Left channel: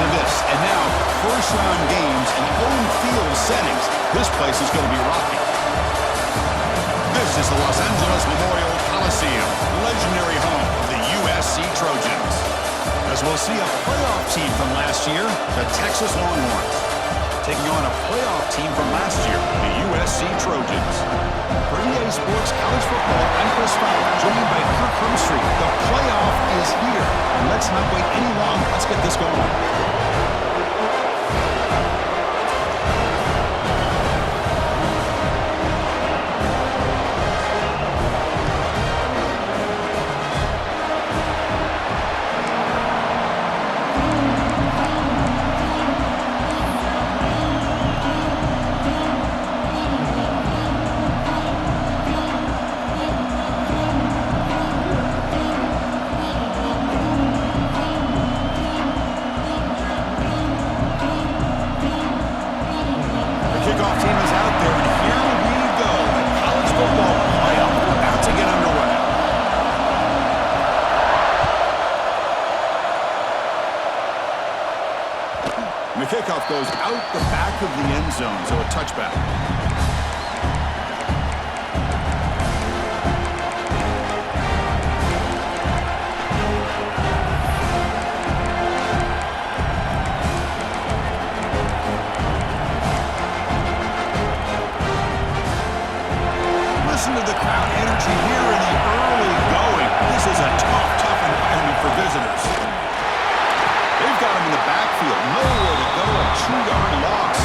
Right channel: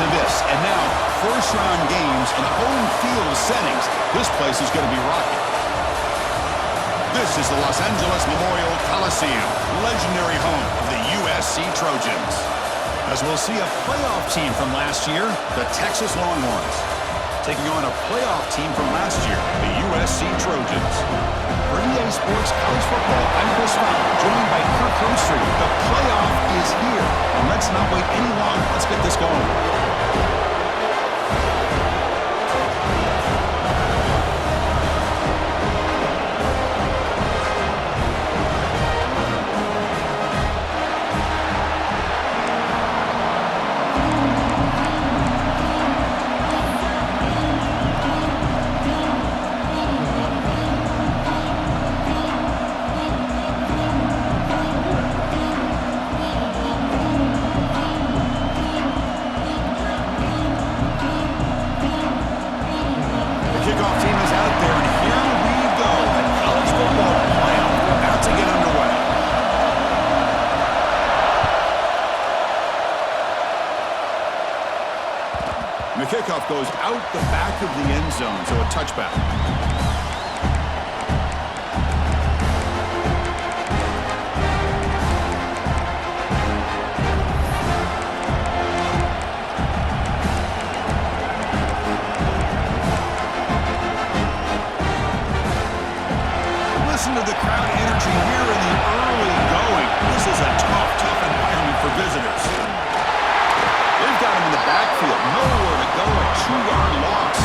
to this. And now, first-round games in home field settings. This place is going to be rocking. This is the Los Angeles Memorial Coliseum, legendary home of the USC Trojans. As we'll see a playoff team from last year, the Texas Longhorns, taking on a playoff team from last year, the USC Trojans. For EA Sports College Football, I'm Chris Fowler, joined by Kirk Herbstreit. The playoff is here, and let's not wait any longer. Let's get this going. Kickoff team is out there, and here we go. The college football playoff about to get underway. And the kickoff goes out the back of the end zone, so a touchback. Listen to the crowd energy here in the early going. This is a tough environment for visitors. They've got him in the backfield. Nowhere to go. A 2-yard loss.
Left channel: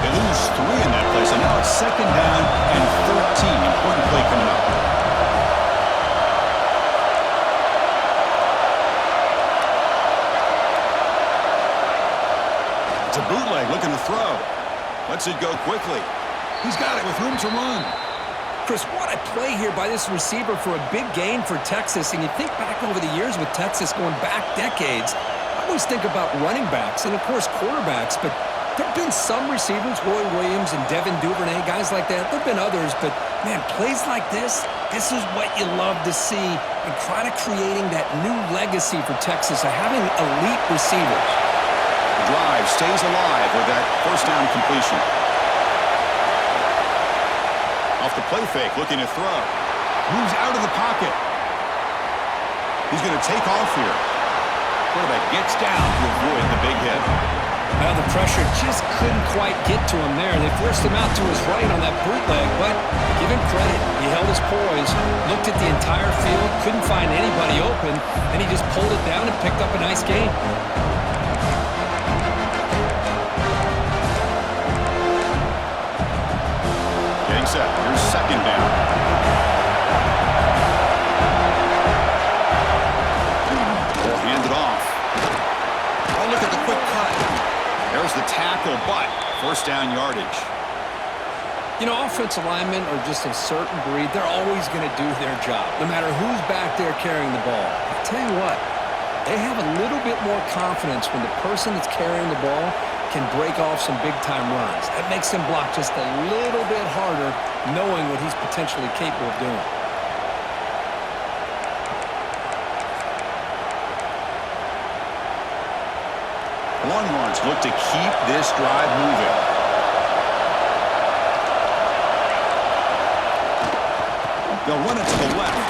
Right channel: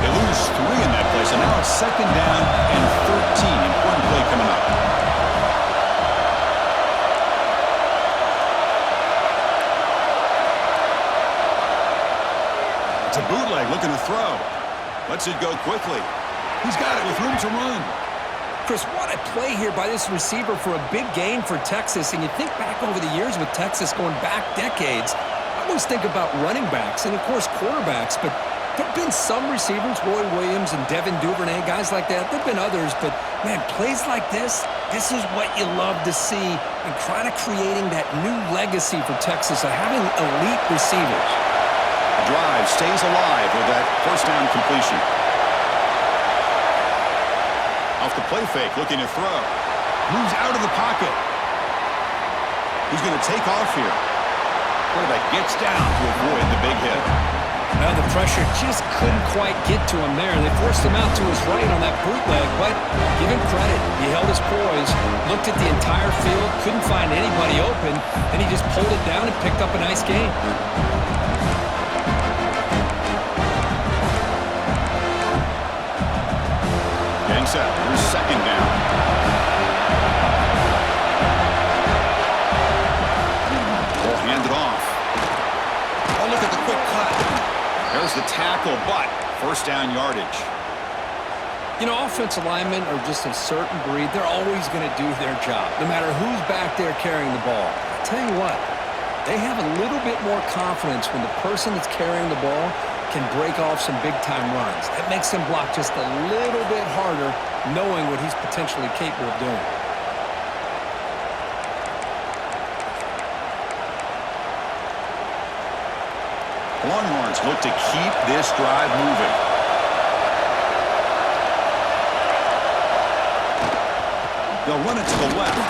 They lose 3 in that play, so now it's 2nd down and 13. Important play coming up. It's a bootleg looking to throw. Lets it go quickly. He's got it with room to run. Chris, what a play here by this receiver for a big gain for Texas. And you think back over the years with Texas going back decades, I always think about running backs and, of course, quarterbacks. But there have been some receivers, Roy Williams and Devin Duvernay, guys like that. There have been others, but, man, plays like this is what you love to see and kind of creating that new legacy for Texas of having elite receivers. The drive stays alive with that first down completion. Off the play fake, looking to throw. Moves out of the pocket. He's going to take off here. Quarterback gets down to avoid the big hit. Now the pressure just couldn't quite get to him there. They forced him out to his right on that bootleg, but give him credit. He held his poise, looked at the entire field, couldn't find anybody open, and he just pulled it down and picked up a nice gain. Getting set. Here's 2nd down. We'll hand it off. Oh, look at the quick cut. There's the tackle, but first down yardage. You know, offensive linemen are just a certain breed. They're always going to do their job, no matter who's back there carrying the ball. I'll tell you what, they have a little bit more confidence when the person that's carrying the ball can break off some big-time runs. That makes them block just a little bit harder, knowing what he's potentially capable of doing. The Longhorns look to keep this drive moving. They'll run it to the left.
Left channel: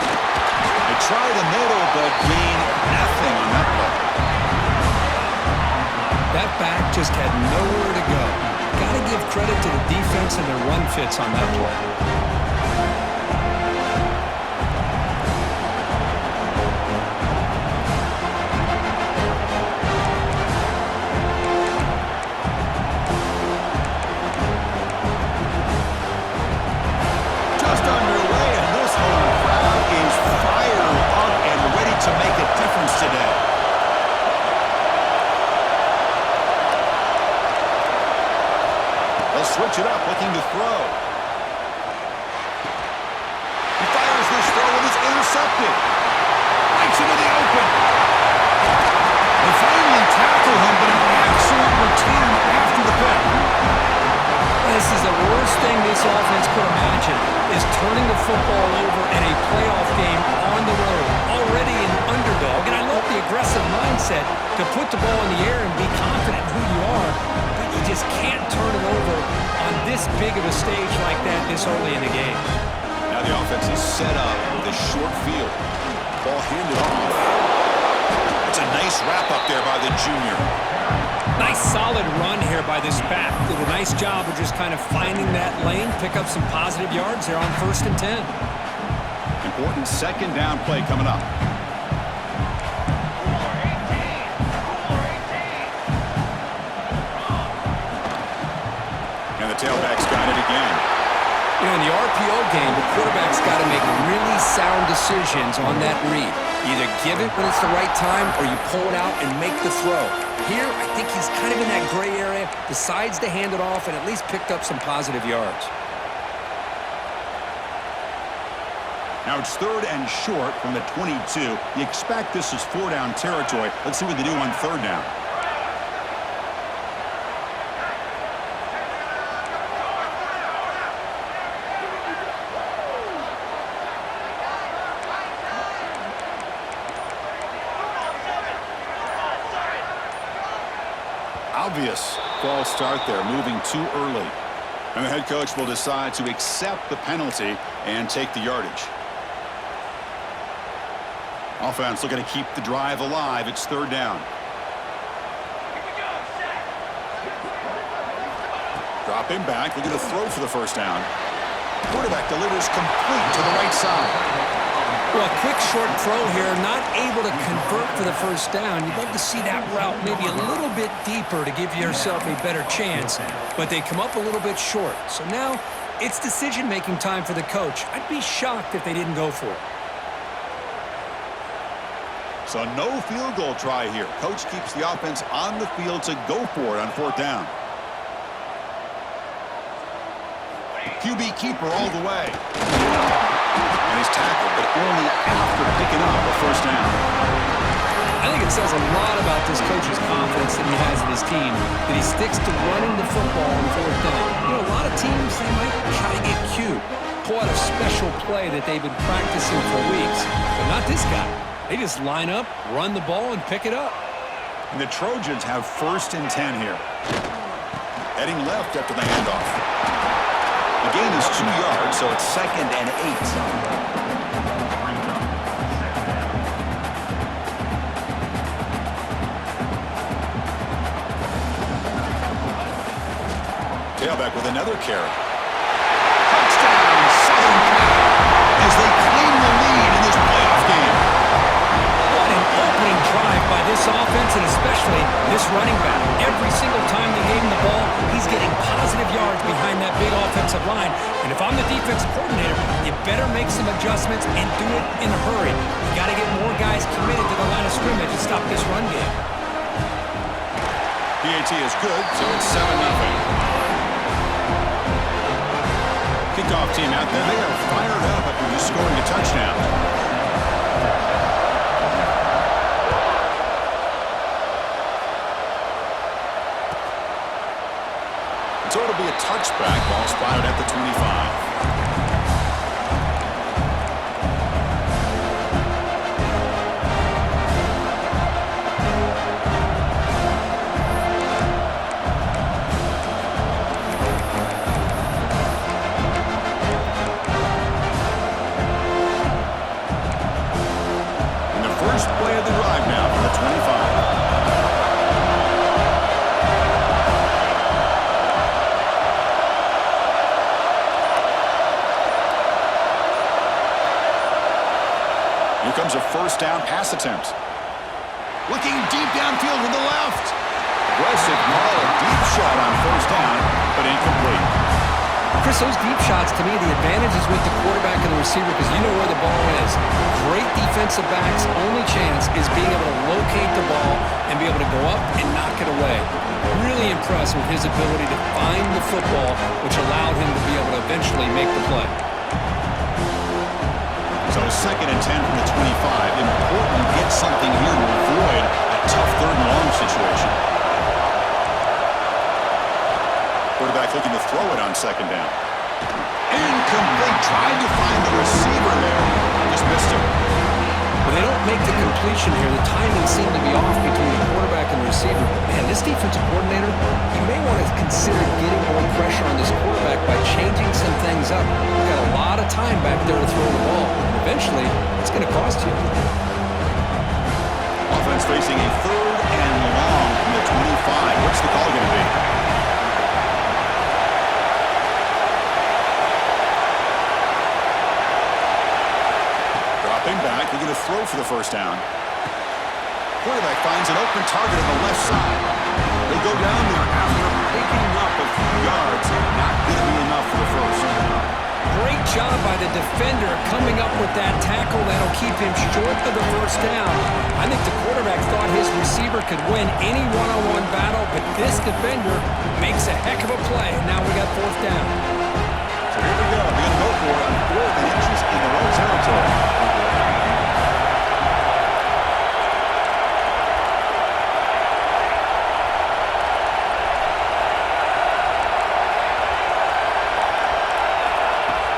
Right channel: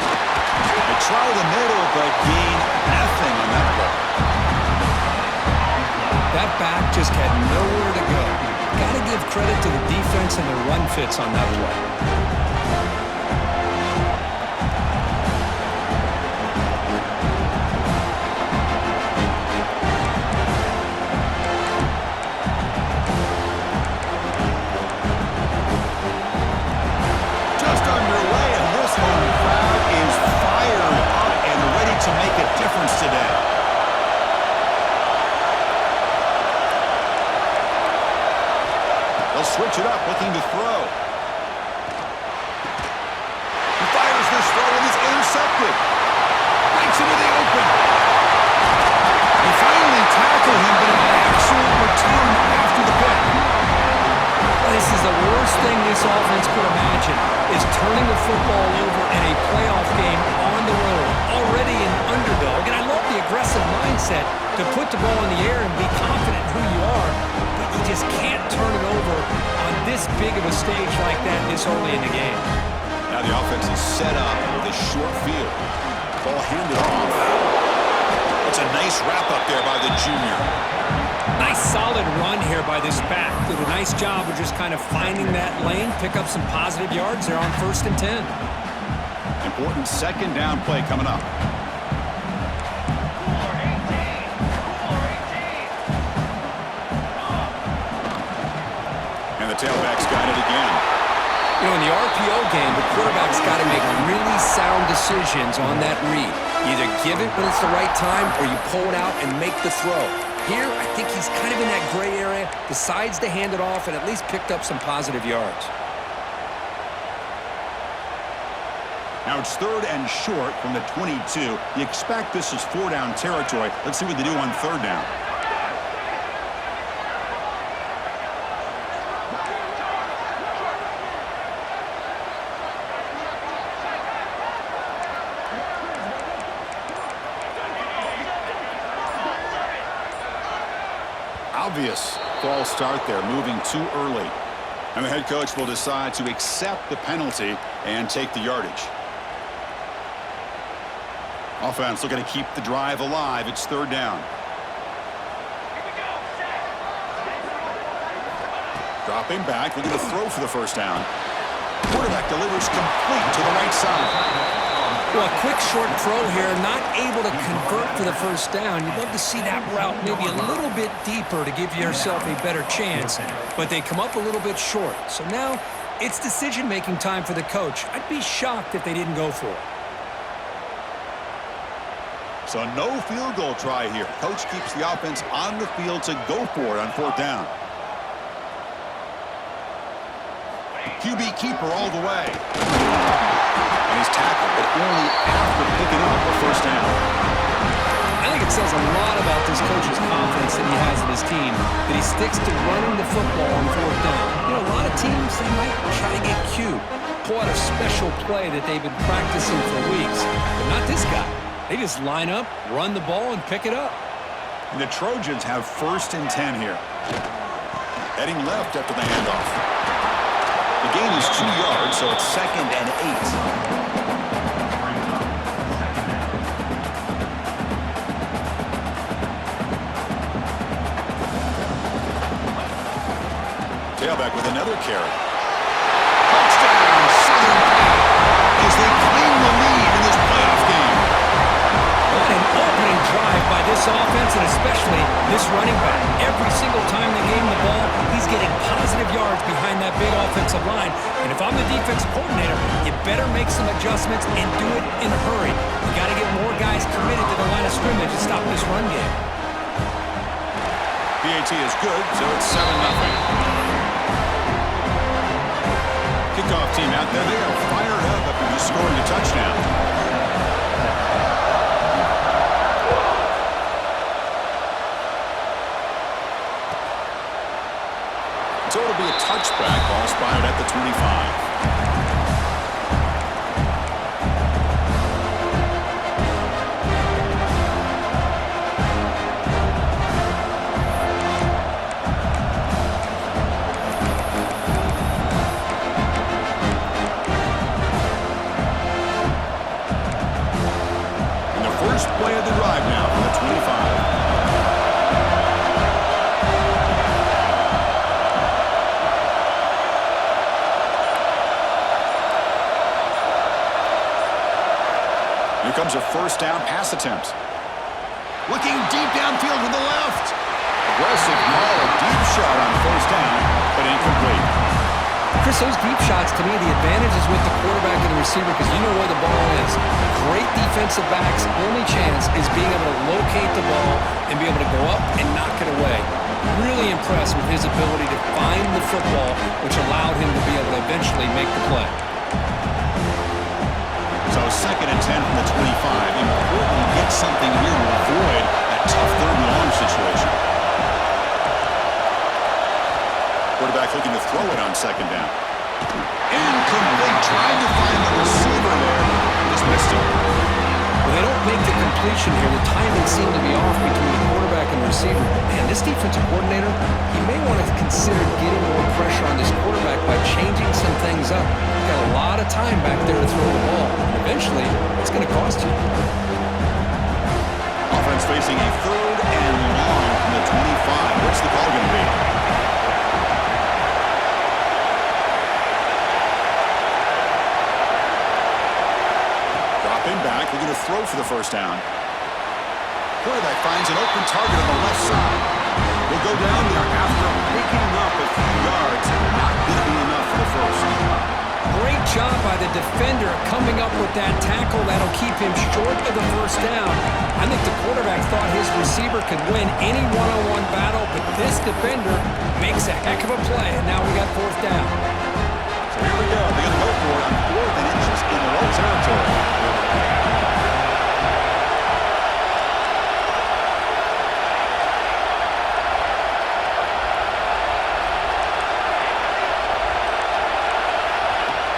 They try the middle, but gain nothing on that play. That back just had nowhere to go. Got to give credit to the defense and their run fits on that play. To make a difference today. They'll switch it up, looking to throw. He fires this throw and it's intercepted. Breaks into the open. They finally tackle him, but an excellent return after the pick. This is the worst thing this offense could imagine, is turning the football over in a playoff game on the road. Already an underdog, and I love the aggressive mindset to put the ball in the air and be confident in who you are, but you just can't turn it over on this big of a stage like that this early in the game. Now the offense is set up with a short field. Ball handed off. It's a nice wrap up there by the junior. Nice solid run here by this back. Did a nice job of just kind of finding that lane, pick up some positive yards there on 1st and 10. Important second down play coming up. And the tailback's got it again. You know, in the RPO game, the quarterback's got to make really sound decisions on that read. Either give it when it's the right time or you pull it out and make the throw. Here, I think he's kind of in that gray area, decides to hand it off and at least picked up some positive yards. Now it's 3rd and short from the 22. You expect this is 4-down territory. Let's see what they do on 3rd down. Obvious false start there, moving too early. And the head coach will decide to accept the penalty and take the yardage. Offense looking to keep the drive alive. It's 3rd down. Here we go. Set. Dropping back, looking to throw for the 1st down. Quarterback delivers complete to the right side. Well, a quick short throw here, not able to convert for the 1st down. You'd love to see that route maybe a little bit deeper to give yourself a better chance, but they come up a little bit short. So now it's decision-making time for the coach. I'd be shocked if they didn't go for it. So no field goal try here. Coach keeps the offense on the field to go for it on 4th down. QB keeper all the way. And he's tackled, but only after picking up a 1st down. I think it says a lot about this coach's confidence that he has in his team, that he sticks to running the football on 4th down. You know, a lot of teams, they might try to get cute, pull out a special play that they've been practicing for weeks, but not this guy. They just line up, run the ball, and pick it up. And the Trojans have 1st and 10 here. Heading left after the handoff. The gain is 2 yards, so it's 2nd and 8. Tailback with another carry. Touchdown, Southern Cal, as they claim the lead in this playoff game. What an opening drive by this offense, and especially this running back. Every single time they gave him the ball, he's getting positive yards behind that big offensive line. And if I'm the defensive coordinator, you better make some adjustments and do it in a hurry. You got to get more guys committed to the line of scrimmage to stop this run game. PAT is good, so it's 7-0. Kickoff team out there, they are fired up after just scoring a touchdown. So it'll be a touchback, ball spotted at the 25. First play of the drive now from the 25. Here comes a 1st down pass attempt. Looking deep downfield with the left. Aggressive call, a deep shot on 1st down, but incomplete. Chris, those deep shots, to me, the advantage is with the quarterback and the receiver because you know where the ball is. Great defensive backs' only chance is being able to locate the ball and be able to go up and knock it away. Really impressed with his ability to find the football, which allowed him to be able to eventually make the play. So 2nd and 10 from the 25. Important to get something here to avoid an tough third and long situation. Quarterback looking to throw it on second down. Incomplete. Tried to find the receiver there. Just missed him. Well, they don't make the completion here. The timing seemed to be off between the quarterback and the receiver. But man, this defensive coordinator, he may want to consider getting more pressure on this quarterback by changing some things up. He's got a lot of time back there to throw the ball. And eventually, it's going to cost you. Offense facing a third and long from the 25. What's the call going to be? Dropping back, looking to throw for the first down. Quarterback finds an open target on the left side. He'll go down there after picking up a few yards. Not going to be enough for the first. Great job by the defender coming up with that tackle. That'll keep him short of the first down. I think the quarterback thought his receiver could win any one-on-one battle, but this defender makes a heck of a play, and now we got fourth down. So here we go. They're going to go for it on 4th and inches in their own territory.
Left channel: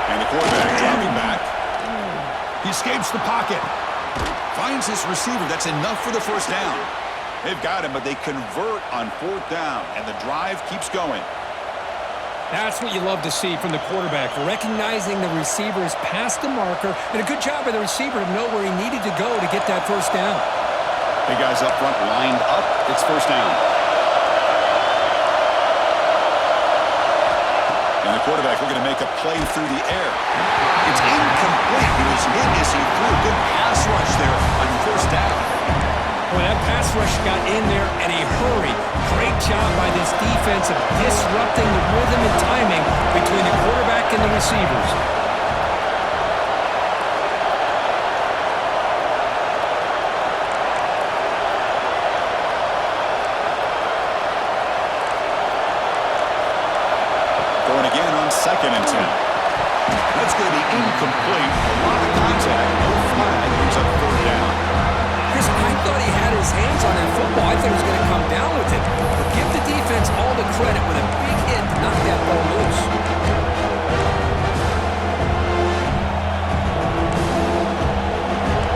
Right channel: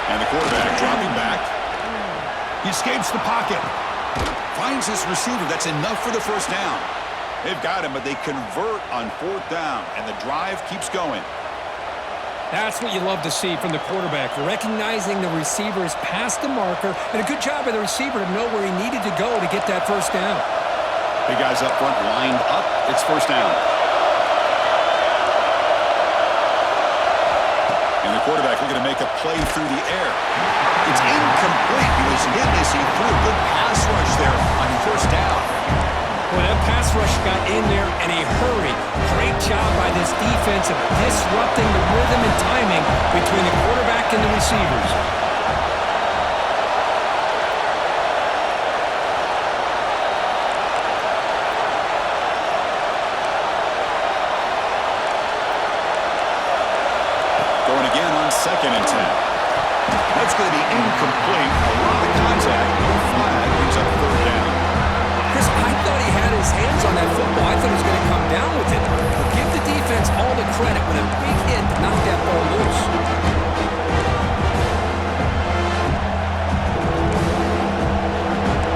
And the quarterback dropping back. He escapes the pocket. Finds his receiver. That's enough for the first down. They've got him, but they convert on 4th down, and the drive keeps going. That's what you love to see from the quarterback, recognizing the receiver is past the marker, and a good job by the receiver to know where he needed to go to get that first down. Big guys up front lined up. It's first down. And the quarterback looking to make a play through the air. It's incomplete. He was hit as he threw a good pass rush there on first down. Boy, that pass rush got in there in a hurry. Great job by this defense of disrupting the rhythm and timing between the quarterback and the receivers. Going again on 2nd and 10. That's going to be incomplete. A lot of contact. No flag. Brings up 3rd down. Chris, I thought he had his hands on that football. I thought he was going to come down with it. But give the defense all the credit with a big hit to knock that ball loose.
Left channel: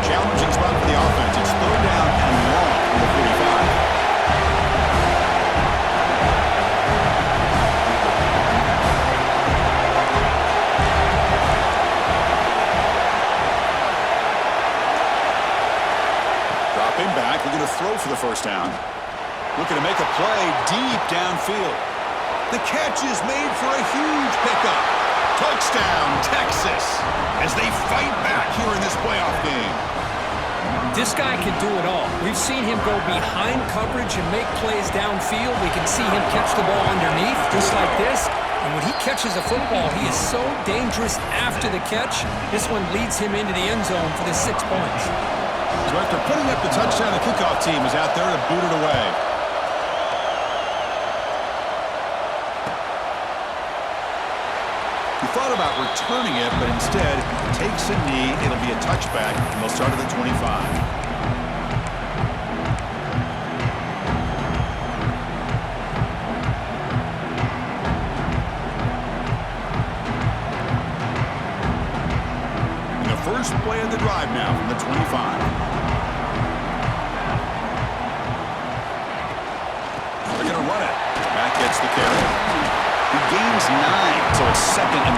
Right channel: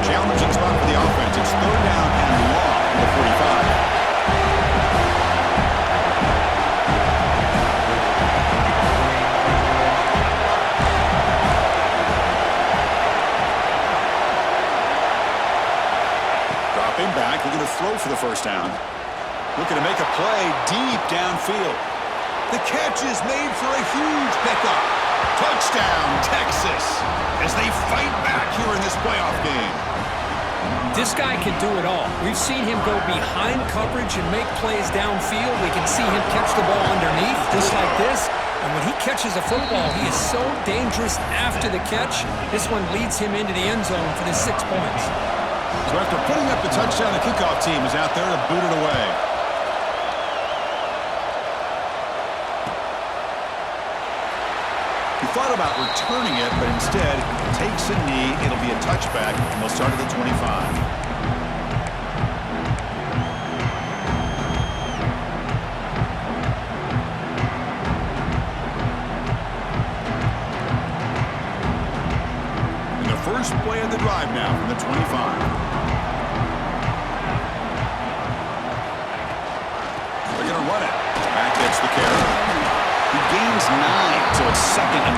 Challenging spot for the offense. It's 3rd down and long from the 45. Dropping back, looking to throw for the first down. Looking to make a play deep downfield. The catch is made for a huge pickup. Touchdown, Texas, as they fight back here in this playoff game. This guy can do it all. We've seen him go behind coverage and make plays downfield. We can see him catch the ball underneath, just like this. And when he catches a football, he is so dangerous after the catch. This one leads him into the end zone for the 6 points. So after putting up the touchdown, the kickoff team is out there to boot it away. He thought about returning it, but instead takes a knee. It'll be a touchback, and they'll start at the 25. First play of the drive now from the 25. They're going to run it. Back gets the carry. He gains 9, so it's 2nd and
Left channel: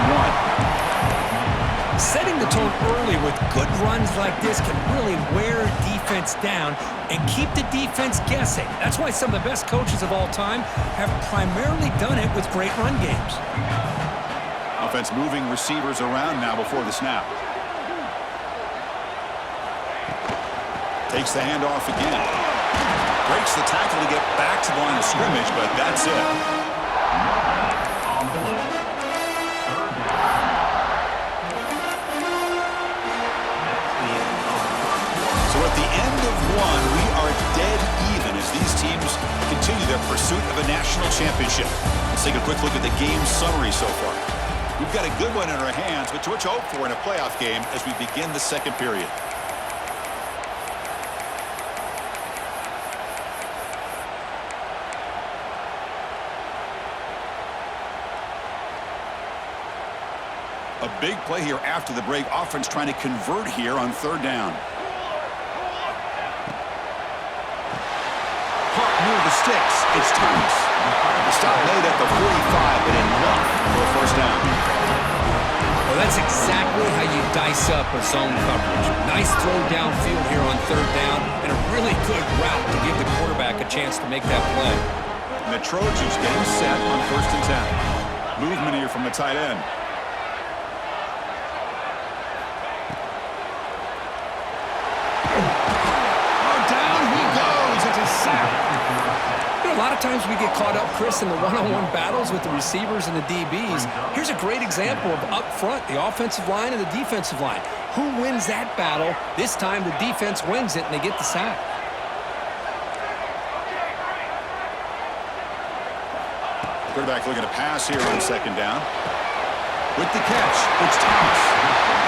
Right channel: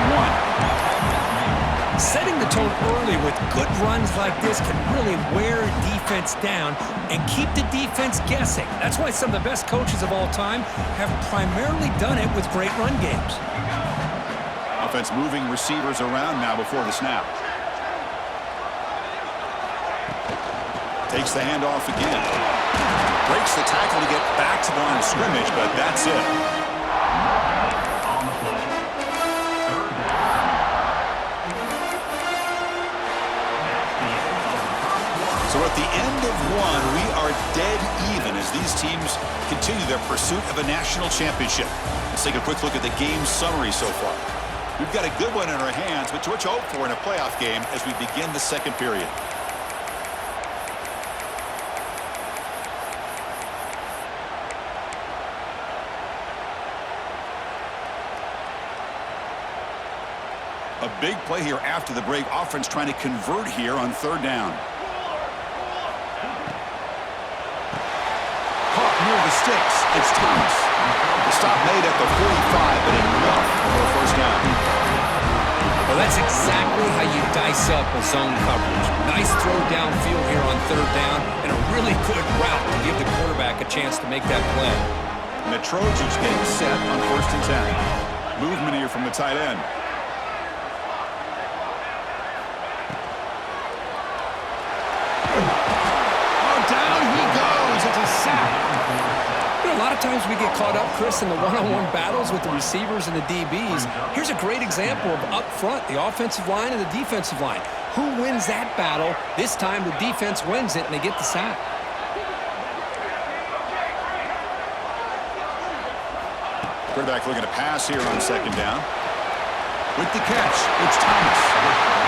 1. Setting the tone early with good runs like this can really wear defense down and keep the defense guessing. That's why some of the best coaches of all time have primarily done it with great run games. Offense moving receivers around now before the snap. Takes the handoff again. Breaks the tackle to get back to the line of scrimmage, but that's it. On the play. 3rd down. That's the end of the first quarter. So at the end of one, we are dead even as these teams continue their pursuit of a national championship. Let's take a quick look at the game summary so far. We've got a good one in our hands, but what you hope for in a playoff game as we begin the second period. A big play here after the break. Offense trying to convert here on third down. Caught near the sticks. It's Thomas. The stop made at the 45, but enough for a first down. Well, that's exactly how you dice up a zone coverage. Nice throw downfield here on third down, and a really good route to give the quarterback a chance to make that play. And the Trojans getting set on 1st and 10. Movement here from the tight end. Oh, down he goes. It's a sack. You know, a lot of times we get caught up, Chris, in the one-on-one battles with the receivers and the DBs. Here's a great example of up front, the offensive line and the defensive line. Who wins that battle? This time the defense wins it, and they get the sack. Quarterback looking to pass here on 2nd down. With the catch, it's Thomas.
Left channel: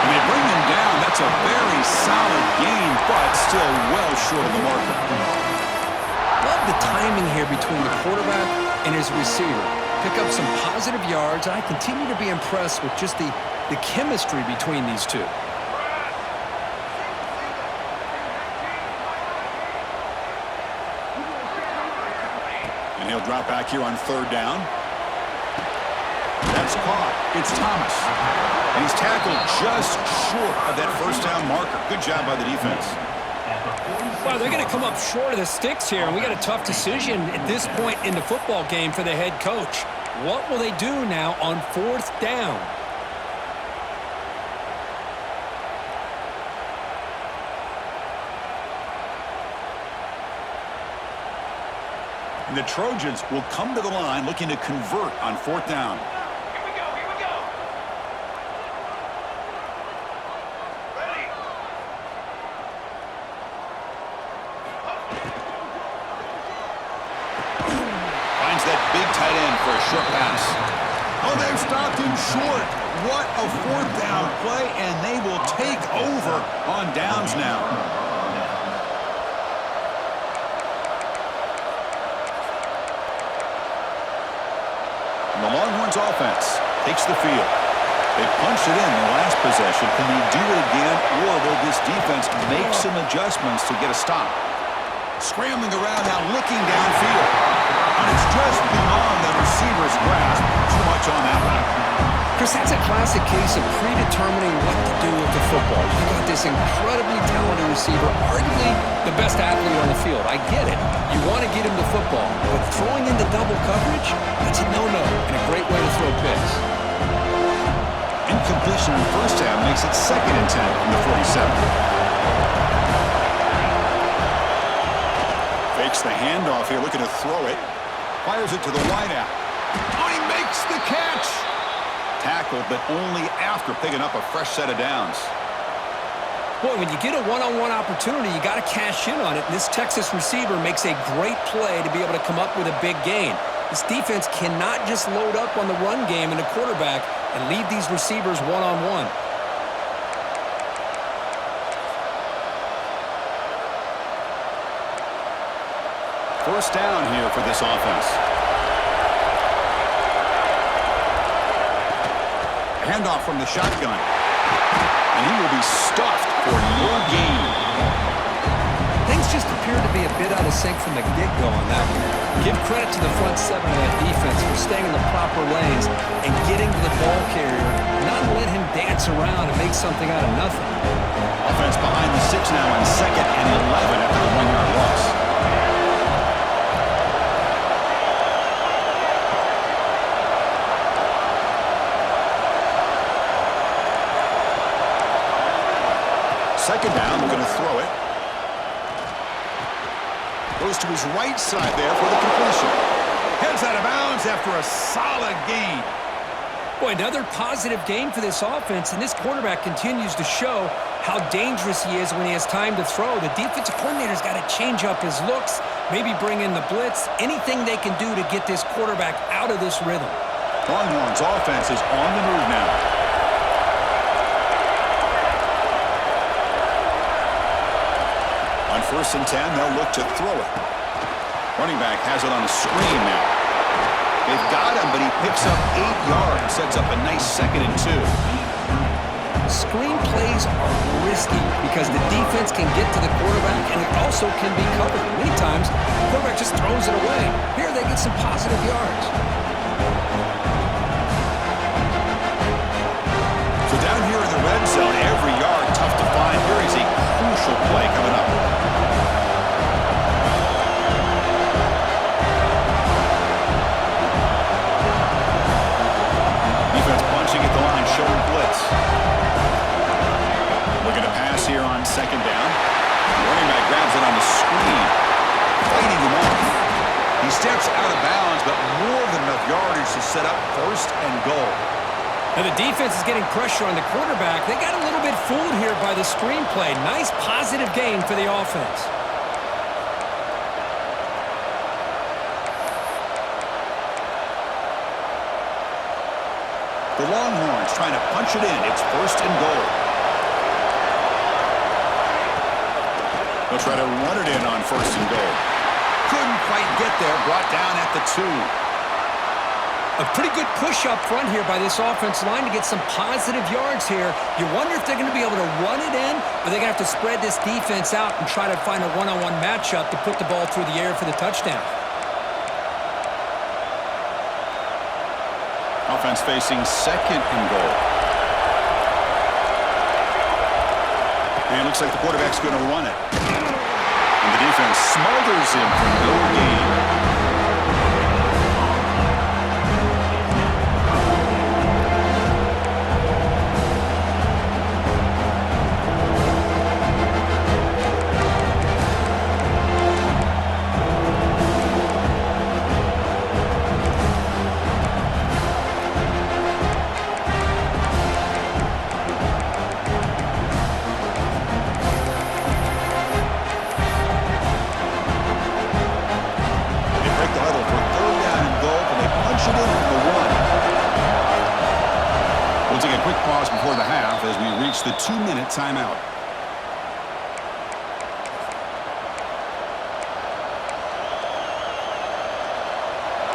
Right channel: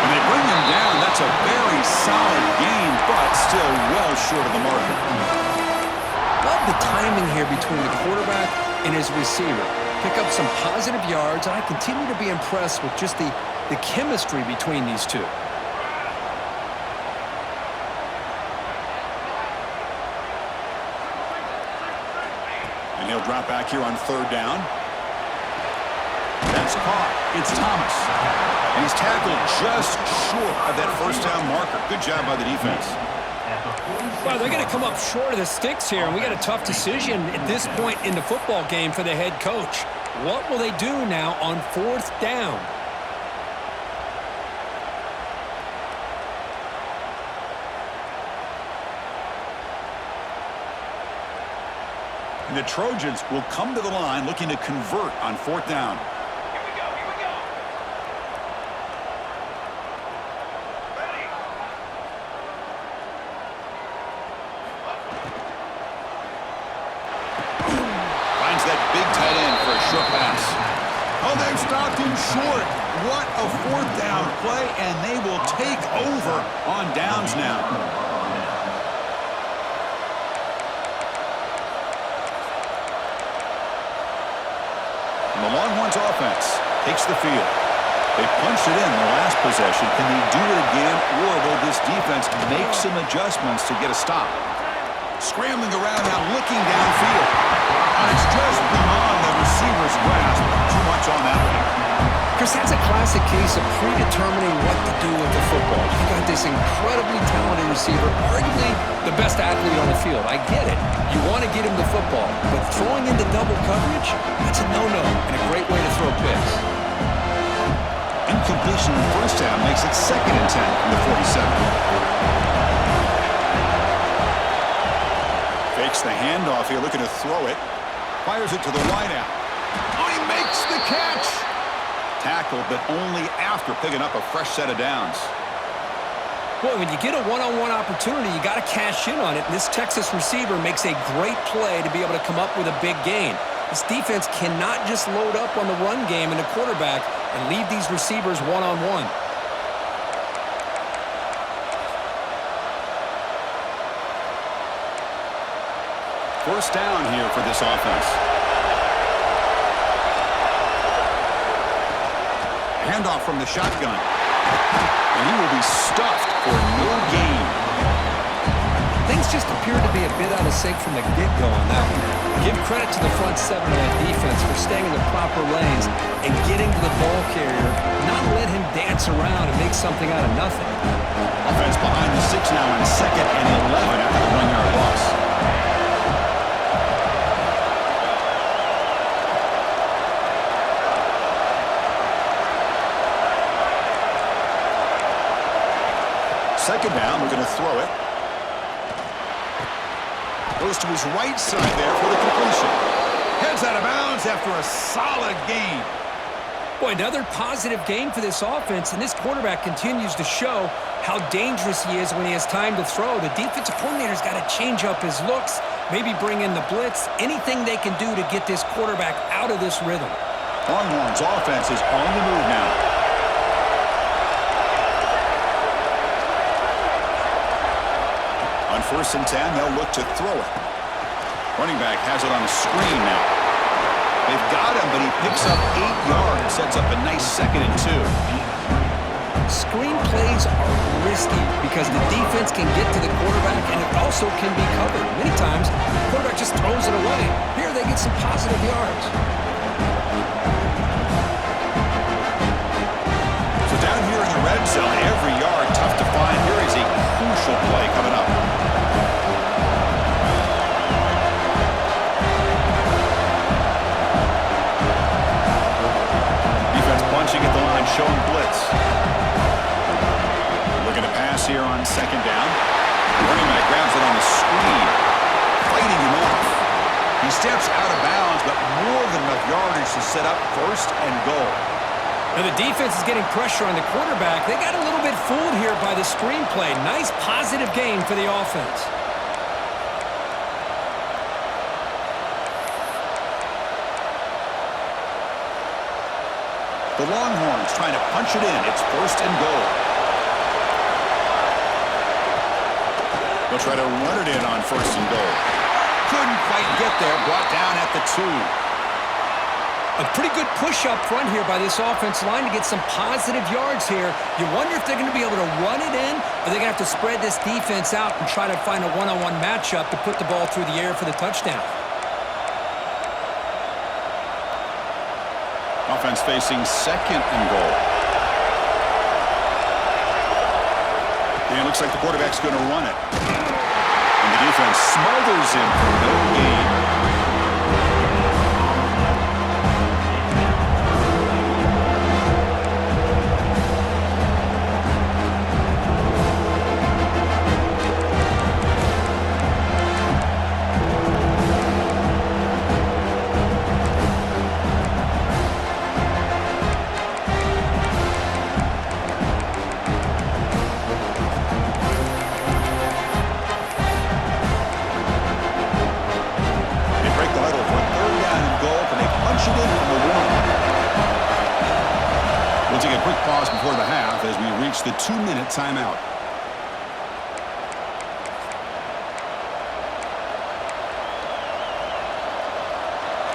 When they bring him down, that's a very solid gain, but still well short of the marker. Love the timing here between the quarterback and his receiver. Pick up some positive yards, and I continue to be impressed with just the chemistry between these two. And he'll drop back here on 3rd down. That's caught. It's Thomas. And he's tackled just short of that 1st down marker. Good job by the defense. Well, they're going to come up short of the sticks here, and we got a tough decision at this point in the football game for the head coach. What will they do now on 4th down? And the Trojans will come to the line looking to convert on 4th down. Here we go, here we go. Ready. Finds that big tight end for a short pass. Oh, they've stopped him short. What a 4th down play, and they will take over on downs now. And the Longhorns offense takes the field. They punched it in the last possession. Can they do it again, or will this defense make some adjustments to get a stop? Scrambling around now, looking downfield. And it's just beyond the receiver's grasp. Too much on that one. Chris, that's a classic case of predetermining what to do with the football. You got this incredibly talented receiver, arguably the best athlete on the field. I get it. You want to get him the football, but throwing into double coverage, that's a no-no and a great way to throw picks. Incompletion on 1st down makes it 2nd and 10 from the 47. Fakes the handoff here, looking to throw it. Fires it to the wideout. Oh, he makes the catch! Tackle, but only after picking up a fresh set of downs. Boy, when you get a one-on-one opportunity, you got to cash in on it. And this Texas receiver makes a great play to be able to come up with a big gain. This defense cannot just load up on the run game and the quarterback and leave these receivers one-on-one. First down here for this offense. Handoff from the shotgun. And he will be stuffed for no gain. Things just appeared to be a bit out of sync from the get-go on that one. Give credit to the front 7 of that defense for staying in the proper lanes and getting to the ball carrier, not let him dance around and make something out of nothing. Offense behind the 6 now on 2nd and 11 after the 1-yard loss. Second down, we're going to throw it. Goes to his right side there for the completion. Heads out of bounds after a solid gain. Boy, another positive game for this offense, and this quarterback continues to show how dangerous he is when he has time to throw. The defensive coordinator's got to change up his looks, maybe bring in the blitz, anything they can do to get this quarterback out of this rhythm. Longhorns offense is on the move now. On 1st and 10, they'll look to throw it. Running back has it on a screen now. They've got him, but he picks up 8 yards, sets up a nice 2nd and 2. Screen plays are risky because the defense can get to the quarterback and it also can be covered. Many times, the quarterback just throws it away. Here they get some positive yards. So down here in the red zone, every yard tough to find. Here is a crucial play coming up. Defense bunching at the line, showing blitz. Looking to pass here on second down. The running back grabs it on the screen, fighting him off. He steps out of bounds, but more than enough yardage to set up first and goal. Now the defense is getting pressure on the quarterback. They got a little bit fooled here by the screen play. Nice positive gain for the offense. The Longhorns trying to punch it in. It's first and goal. They'll try to run it in on first and goal. Couldn't quite get there. Brought down at the 2. A pretty good push up front here by this offense line to get some positive yards here. You wonder if they're going to be able to run it in, or they're going to have to spread this defense out and try to find a one-on-one matchup to put the ball through the air for the touchdown. Offense facing second and goal. And it looks like the quarterback's going to run it. And the defense smothers him for no gain. We'll take a quick pause before the half as we reach the 2-minute timeout.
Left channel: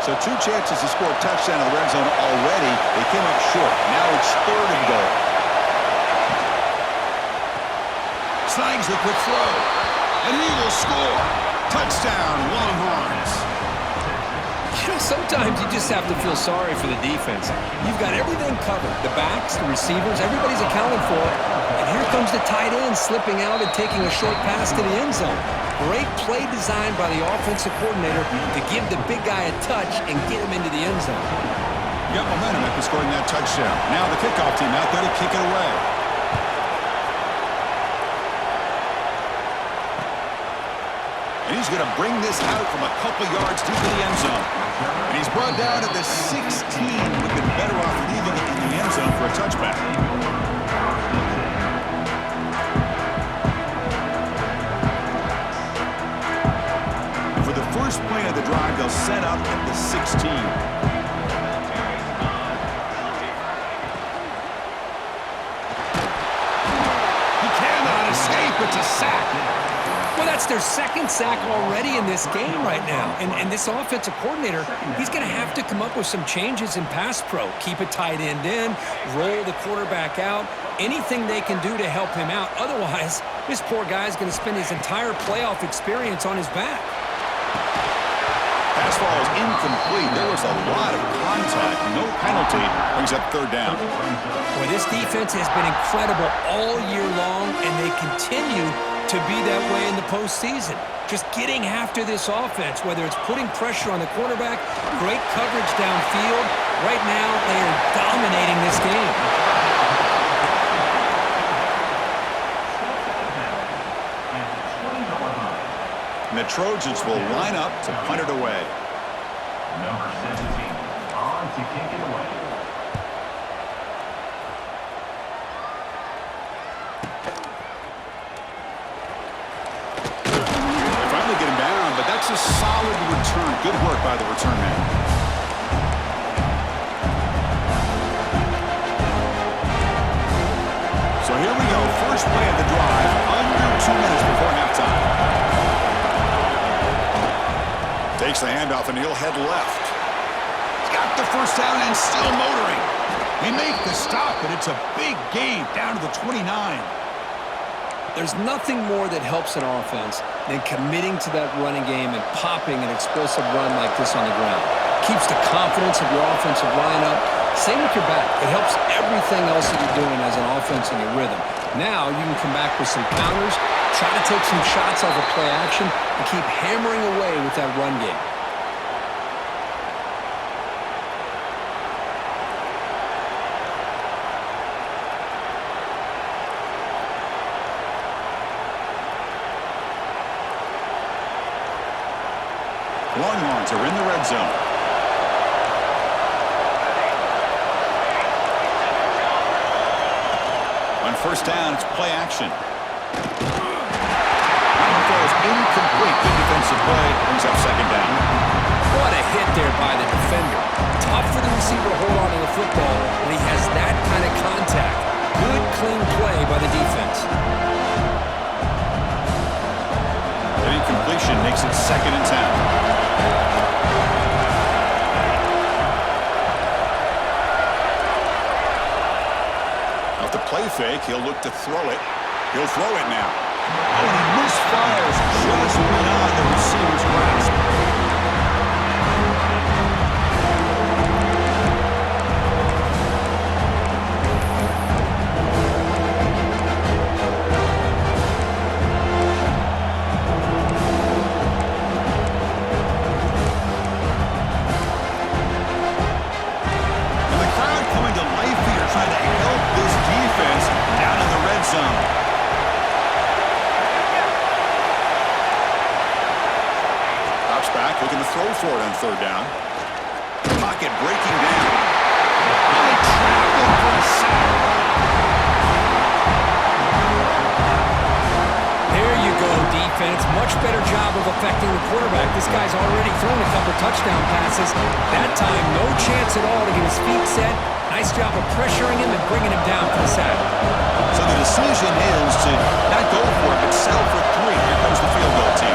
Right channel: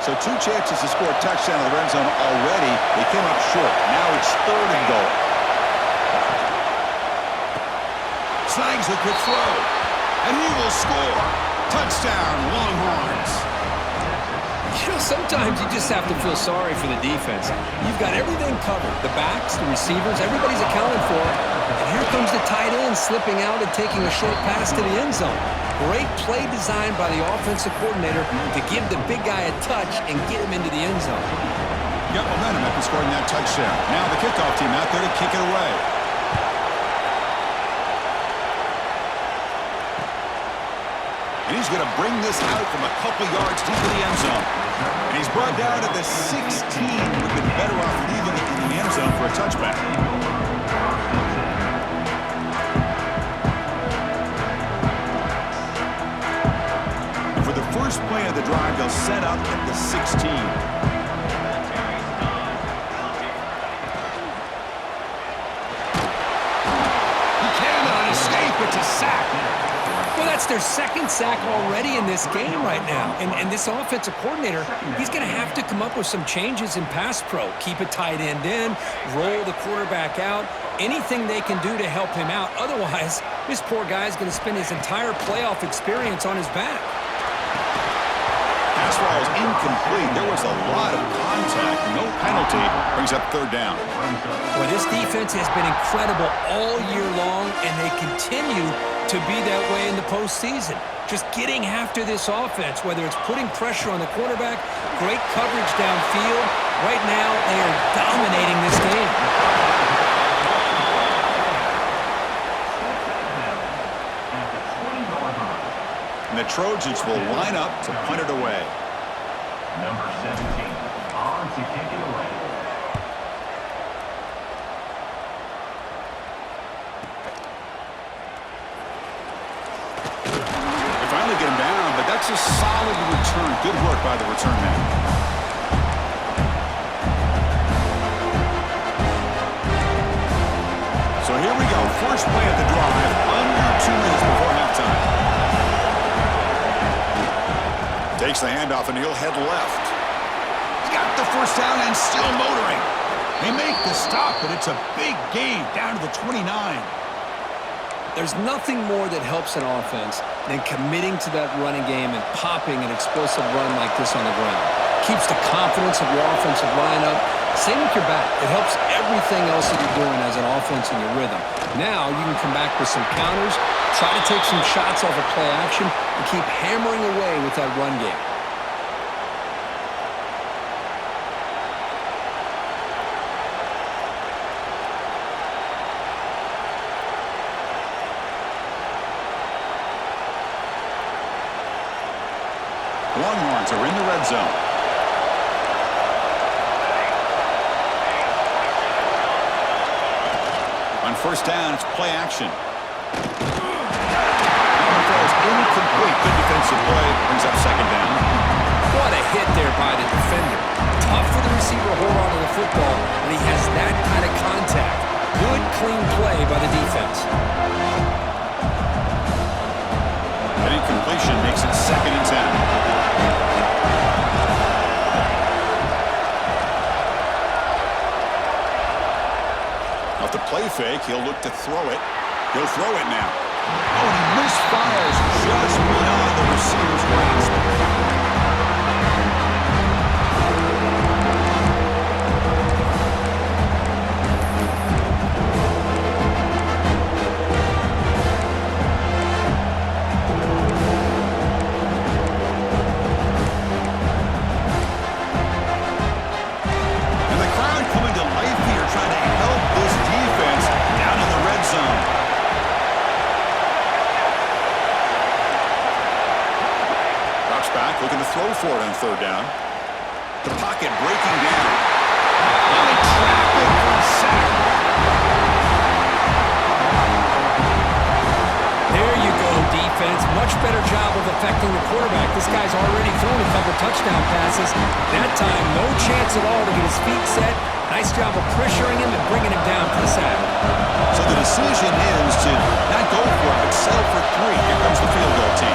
So 2 chances to score a touchdown in the red zone already. They came up short. Now it's third and goal. Slangs the quick throw. And he will score. Touchdown, Longhorns. You know, sometimes you just have to feel sorry for the defense. You've got everything covered. The backs, the receivers, everybody's accounted for. And here comes the tight end slipping out and taking a short pass to the end zone. Great play design by the offensive coordinator to give the big guy a touch and get him into the end zone. Got momentum after scoring that touchdown. Now the kickoff team out there to kick it away. And he's going to bring this out from a couple yards deep in the end zone. And he's brought down at the 16. We've been better off leaving it in the end zone for a touchback. And for the first play of the drive, they'll set up at the 16. He cannot escape. It's a sack. Well, that's their second sack already in this game right now. And this offensive coordinator, he's going to have to come up with some changes in pass pro. Keep a tight end in, roll the quarterback out, anything they can do to help him out. Otherwise, this poor guy's going to spend his entire playoff experience on his back. Pass ball is incomplete. There was a lot of contact. No penalty. Brings up third down. Well, this defense has been incredible all year long, and they continue to be that way in the postseason. Just getting after this offense, whether it's putting pressure on the quarterback, great coverage downfield. Right now, they are dominating this game. And the Trojans will line up to punt it away. Number 17 on to kick it away. Get him down, but that's a solid return. Good work by the return man. So here we go. First play of the drive, under 2 minutes before halftime. Takes the handoff and he'll head left. He's got the first down and still motoring. They make the stop, but it's a big gain down to the 29. There's nothing more that helps an offense than committing to that running game and popping an explosive run like this on the ground. Keeps the confidence of your offensive line up. Same with your back. It helps everything else that you're doing as an offense in your rhythm. Now you can come back with some counters, try to take some shots off of play action, and keep hammering away with that run game. Longhorns are in the red zone. On first down, it's play action. That one falls incomplete. Good defensive play. Brings up second down. What a hit there by the defender. Tough for the receiver to hold on to the football when he has that kind of contact. Good, clean play by the defense. An incompletion makes it 2nd and 10. Off the play fake, he'll look to throw it. He'll throw it now. Oh, and he misfires just beyond the receiver's grasp. Trying to help this defense down in the red zone. Drops back, looking to throw for it on third down. The pocket breaking down. Oh, they trap him for a sack. There you go, defense. Much better job of affecting the quarterback. This guy's already thrown a couple touchdown passes. That time, no chance at all to get his feet set. Nice job of pressuring him and bringing him down for the sack. So the decision is to not go for it, but settle for 3. Here comes the field goal team.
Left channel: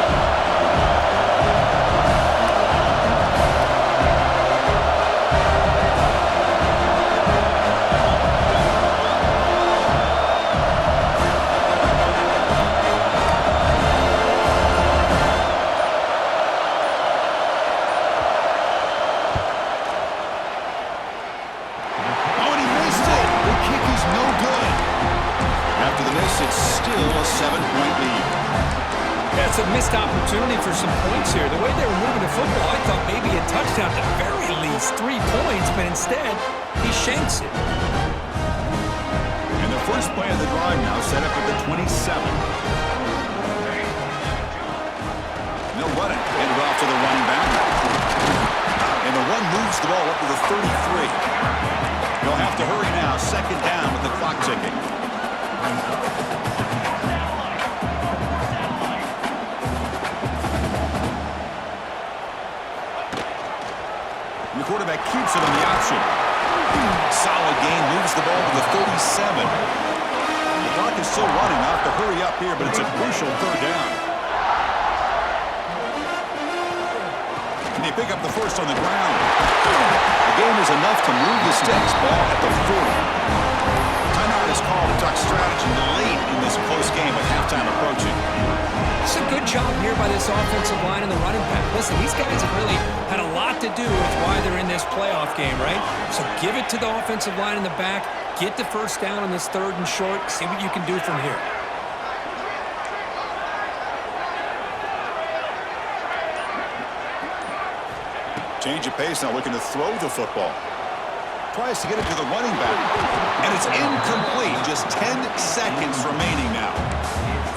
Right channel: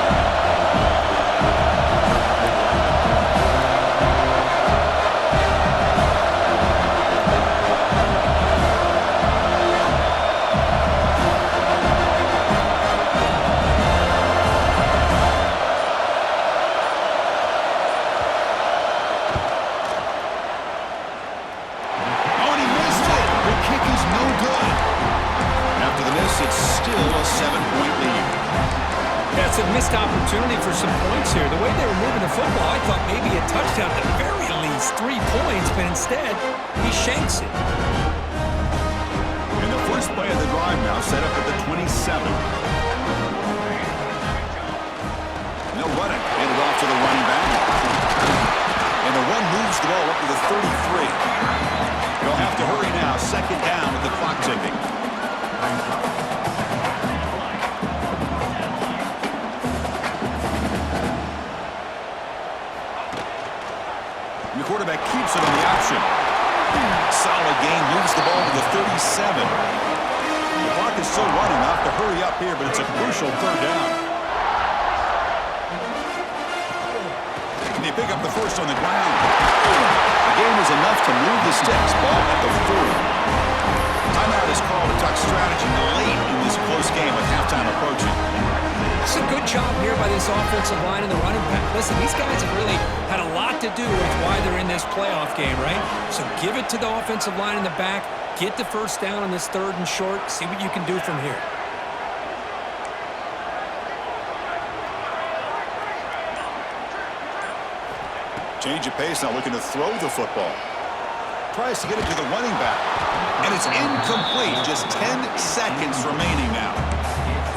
It's still a 7-point lead. Yeah, it's a missed opportunity for some points here. The way they were moving the football, I thought maybe a touchdown, at the very least 3 points, but instead, he shanks it. And the first play of the drive now set up at the 27. And they'll run it. Hand it off to the running back. And the run moves the ball up to the 33. They'll have to hurry now. 2nd down with the clock ticking. And the quarterback keeps it on the option. Solid gain, moves the ball to the 37. The clock is still running. Off to hurry up here, but it's a crucial 3rd down. And they pick up the first on the ground. The gain is enough to move the sticks. Ball at the 40. Timeout is called to talk strategy late in this close game with halftime approaching. It's a good job here by this offensive line and the running back. Listen, these guys have really had a lot to do with why they're in this playoff game, right? So give it to the offensive line in the back. Get the first down on this 3rd and short. See what you can do from here. Change of pace now, looking to throw the football. Tries to get it to the running back. And it's incomplete. Just 10 seconds remaining now.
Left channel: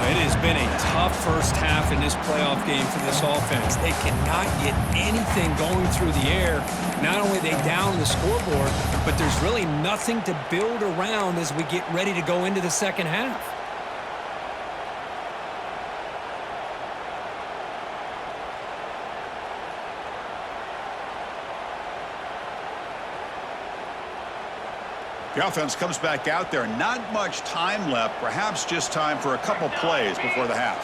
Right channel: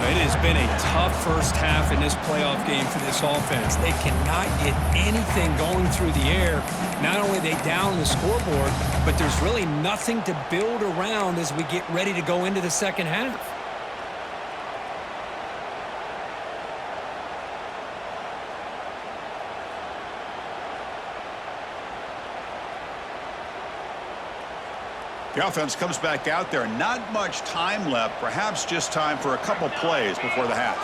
It has been a tough first half in this playoff game for this offense. They cannot get anything going through the air. Not only are they down the scoreboard, but there's really nothing to build around as we get ready to go into the second half. The offense comes back out there. Not much time left. Perhaps just time for a couple plays before the half.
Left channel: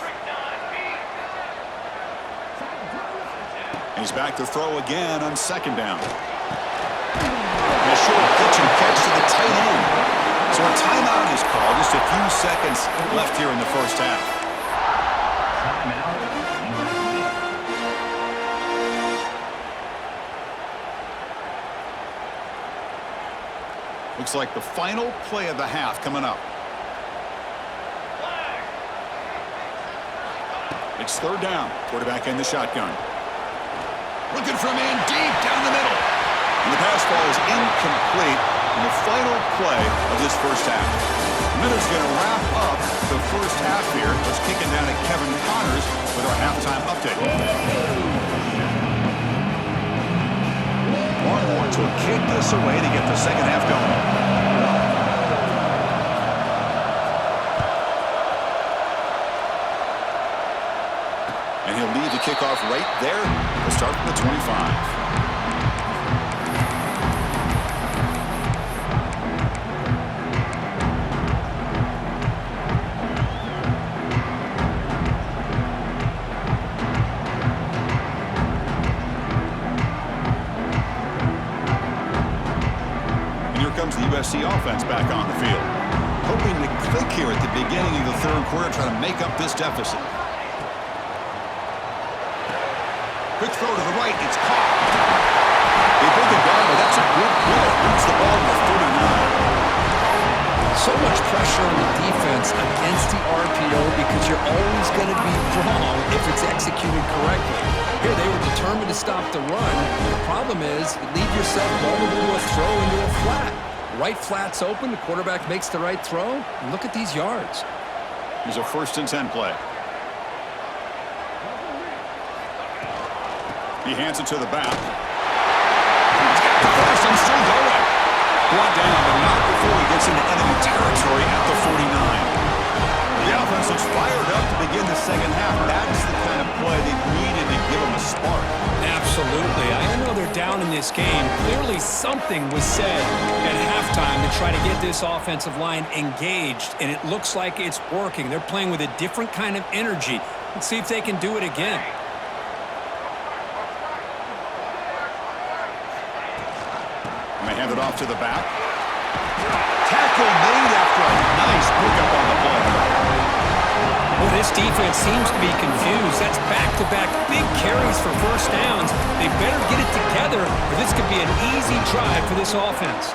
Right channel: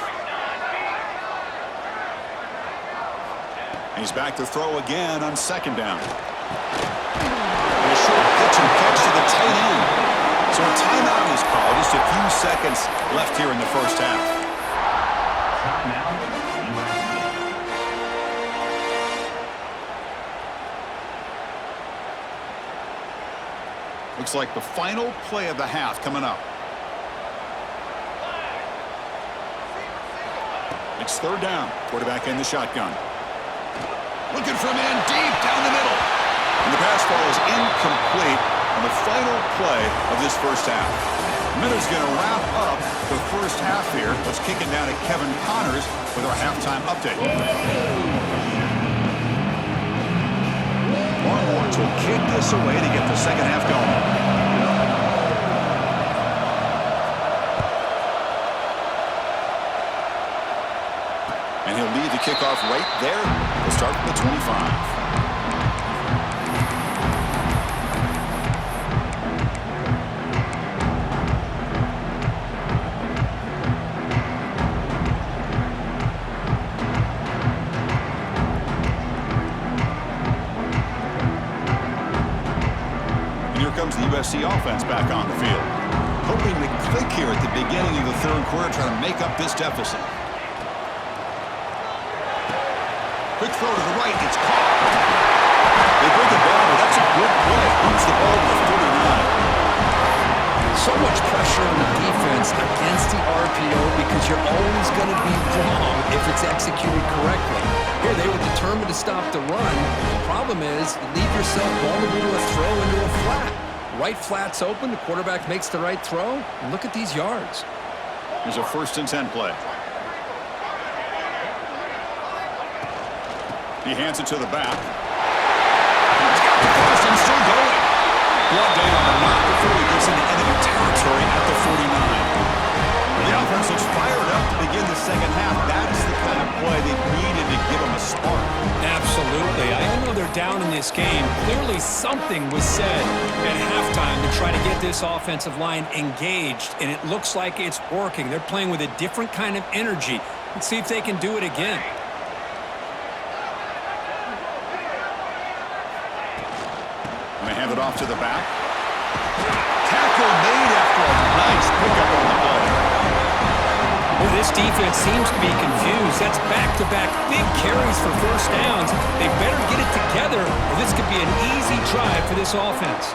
He's back to throw again on 2nd down. And a short pitch and catch to the So a timeout is called. Just a few seconds left here in the first half. Timeout, USA. Looks like the final play of the half coming up. It's third down. Quarterback in the shotgun. Looking for a man deep down the middle. And the pass ball is incomplete on the final play of this first half. Minutes going to wrap up the first half here. Let's kick it down to Kevin Connors with our halftime update. Longhorns will kick this away to get the second half going. And he'll lead the kickoff right there. We'll start from the 25. Comes the USC offense back on the field. Hoping to click here at the beginning of the third quarter, trying to make up this deficit. Quick throw to the right, it's caught. They bring it down, but that's a good play. Moves the ball to the 39. So much pressure on the defense against the RPO because you're always going to be wrong if it's executed correctly. Here they were determined to stop the run. The problem is you leave yourself vulnerable to a throw into a flat. Right flat's open, the quarterback makes the right throw, and look at these yards. Here's a 1st and 10 play. He hands it to the back. He's got the first and still going. Brought down, but not before he gets into enemy territory at the 49. The offense looks fired up to begin the second half. That's the kind of play they needed to give them a spark. Absolutely. I know they're down in this game. Clearly something was said at halftime to try to get this offensive line engaged, and it looks like it's working. They're playing with a different kind of energy. Let's see if they can do it again. And they hand it off to the back. Tackle made after a nice pickup on the play. Well, this defense seems to be confused. That's back-to-back big carries for first downs. They better get it together, or this could be an easy drive for this offense.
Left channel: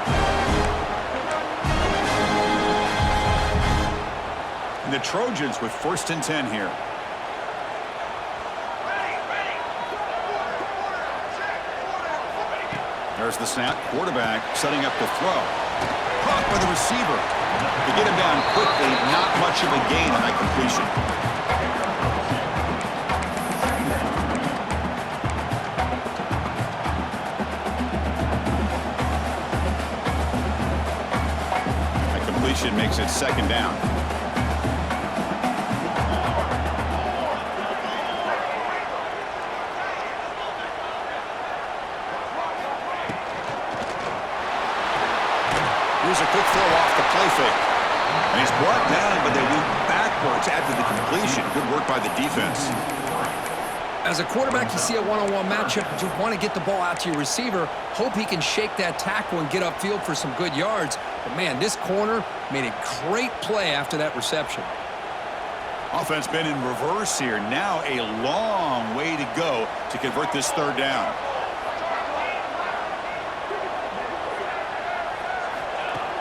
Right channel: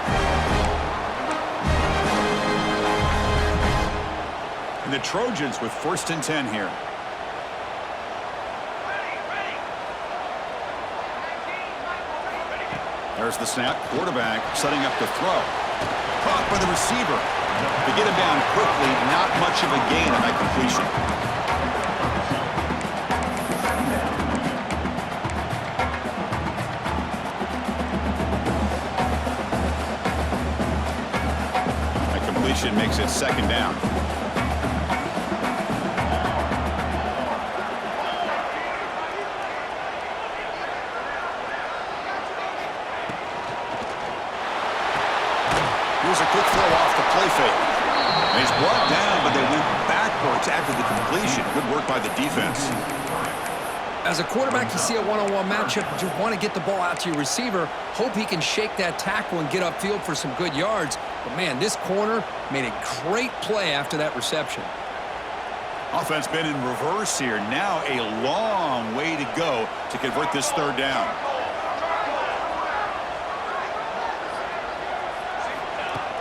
And the Trojans with 1st and 10 here. There's the snap. Quarterback setting up to throw. Caught by the receiver. To get him down quickly, not much of a gain on that completion. That completion makes it 2nd down. Here's a quick throw off the play fake. And he's brought down, but they went backwards after the completion. Good work by the defense. As a quarterback, you see a one-on-one matchup, you want to get the ball out to your receiver, hope he can shake that tackle and get upfield for some good yards. But, man, this corner made a great play after that reception. Offense been in reverse here. Now a long way to go to convert this 3rd down.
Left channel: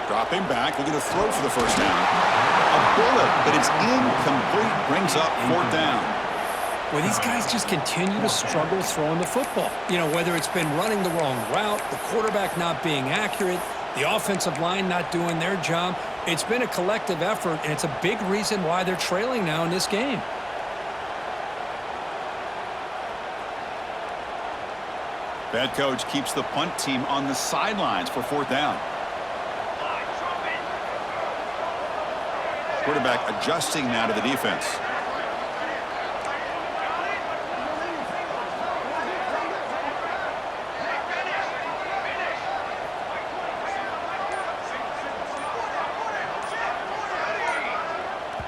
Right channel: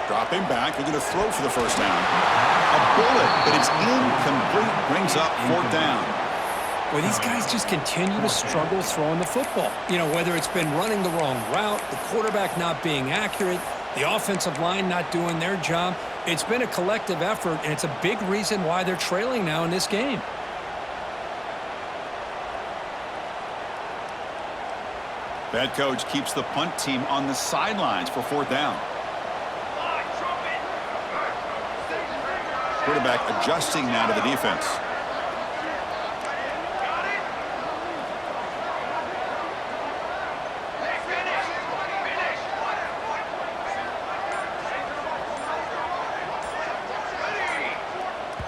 Dropping back, looking to throw for the 1st down. A bullet, but it's incomplete, brings up 4th down. Well, these guys just continue to struggle throwing the football. You know, whether it's been running the wrong route, the quarterback not being accurate, the offensive line not doing their job. It's been a collective effort, and it's a big reason why they're trailing now in this game. Bad coach keeps the punt team on the sidelines for 4th down. Quarterback adjusting now to the defense.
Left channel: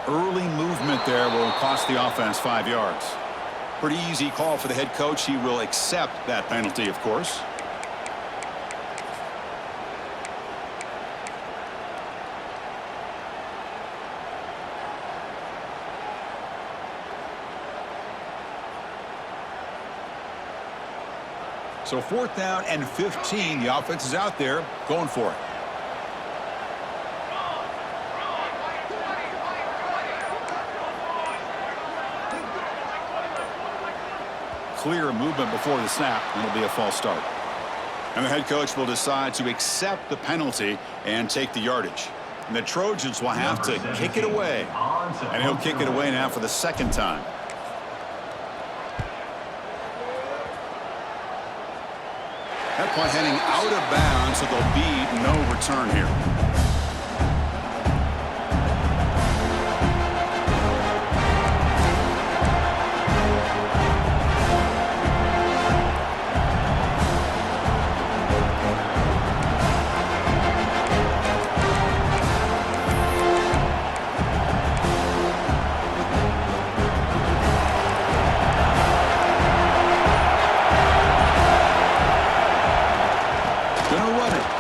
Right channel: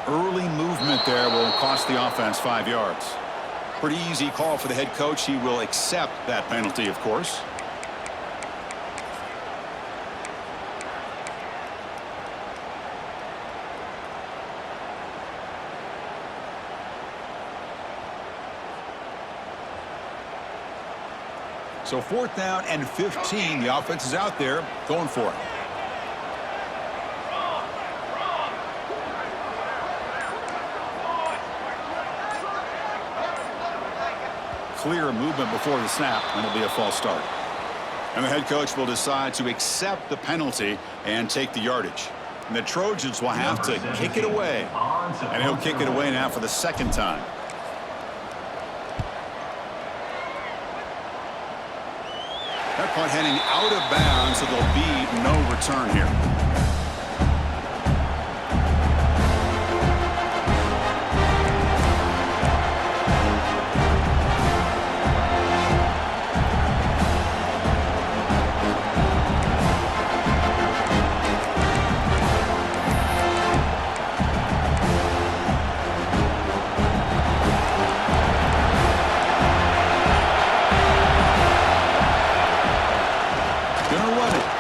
Early movement there will cost the offense 5 yards. Pretty easy call for the head coach. He will accept that penalty, of So 4th down and 15. The offense is out there going for it. Clear movement before the snap, and it'll be a false start. And the head coach will decide to accept the penalty and take the yardage. And the Trojans will have to kick it away. And he'll kick it away now for the 2nd time. That punt heading out of bounds, so there'll be no return here.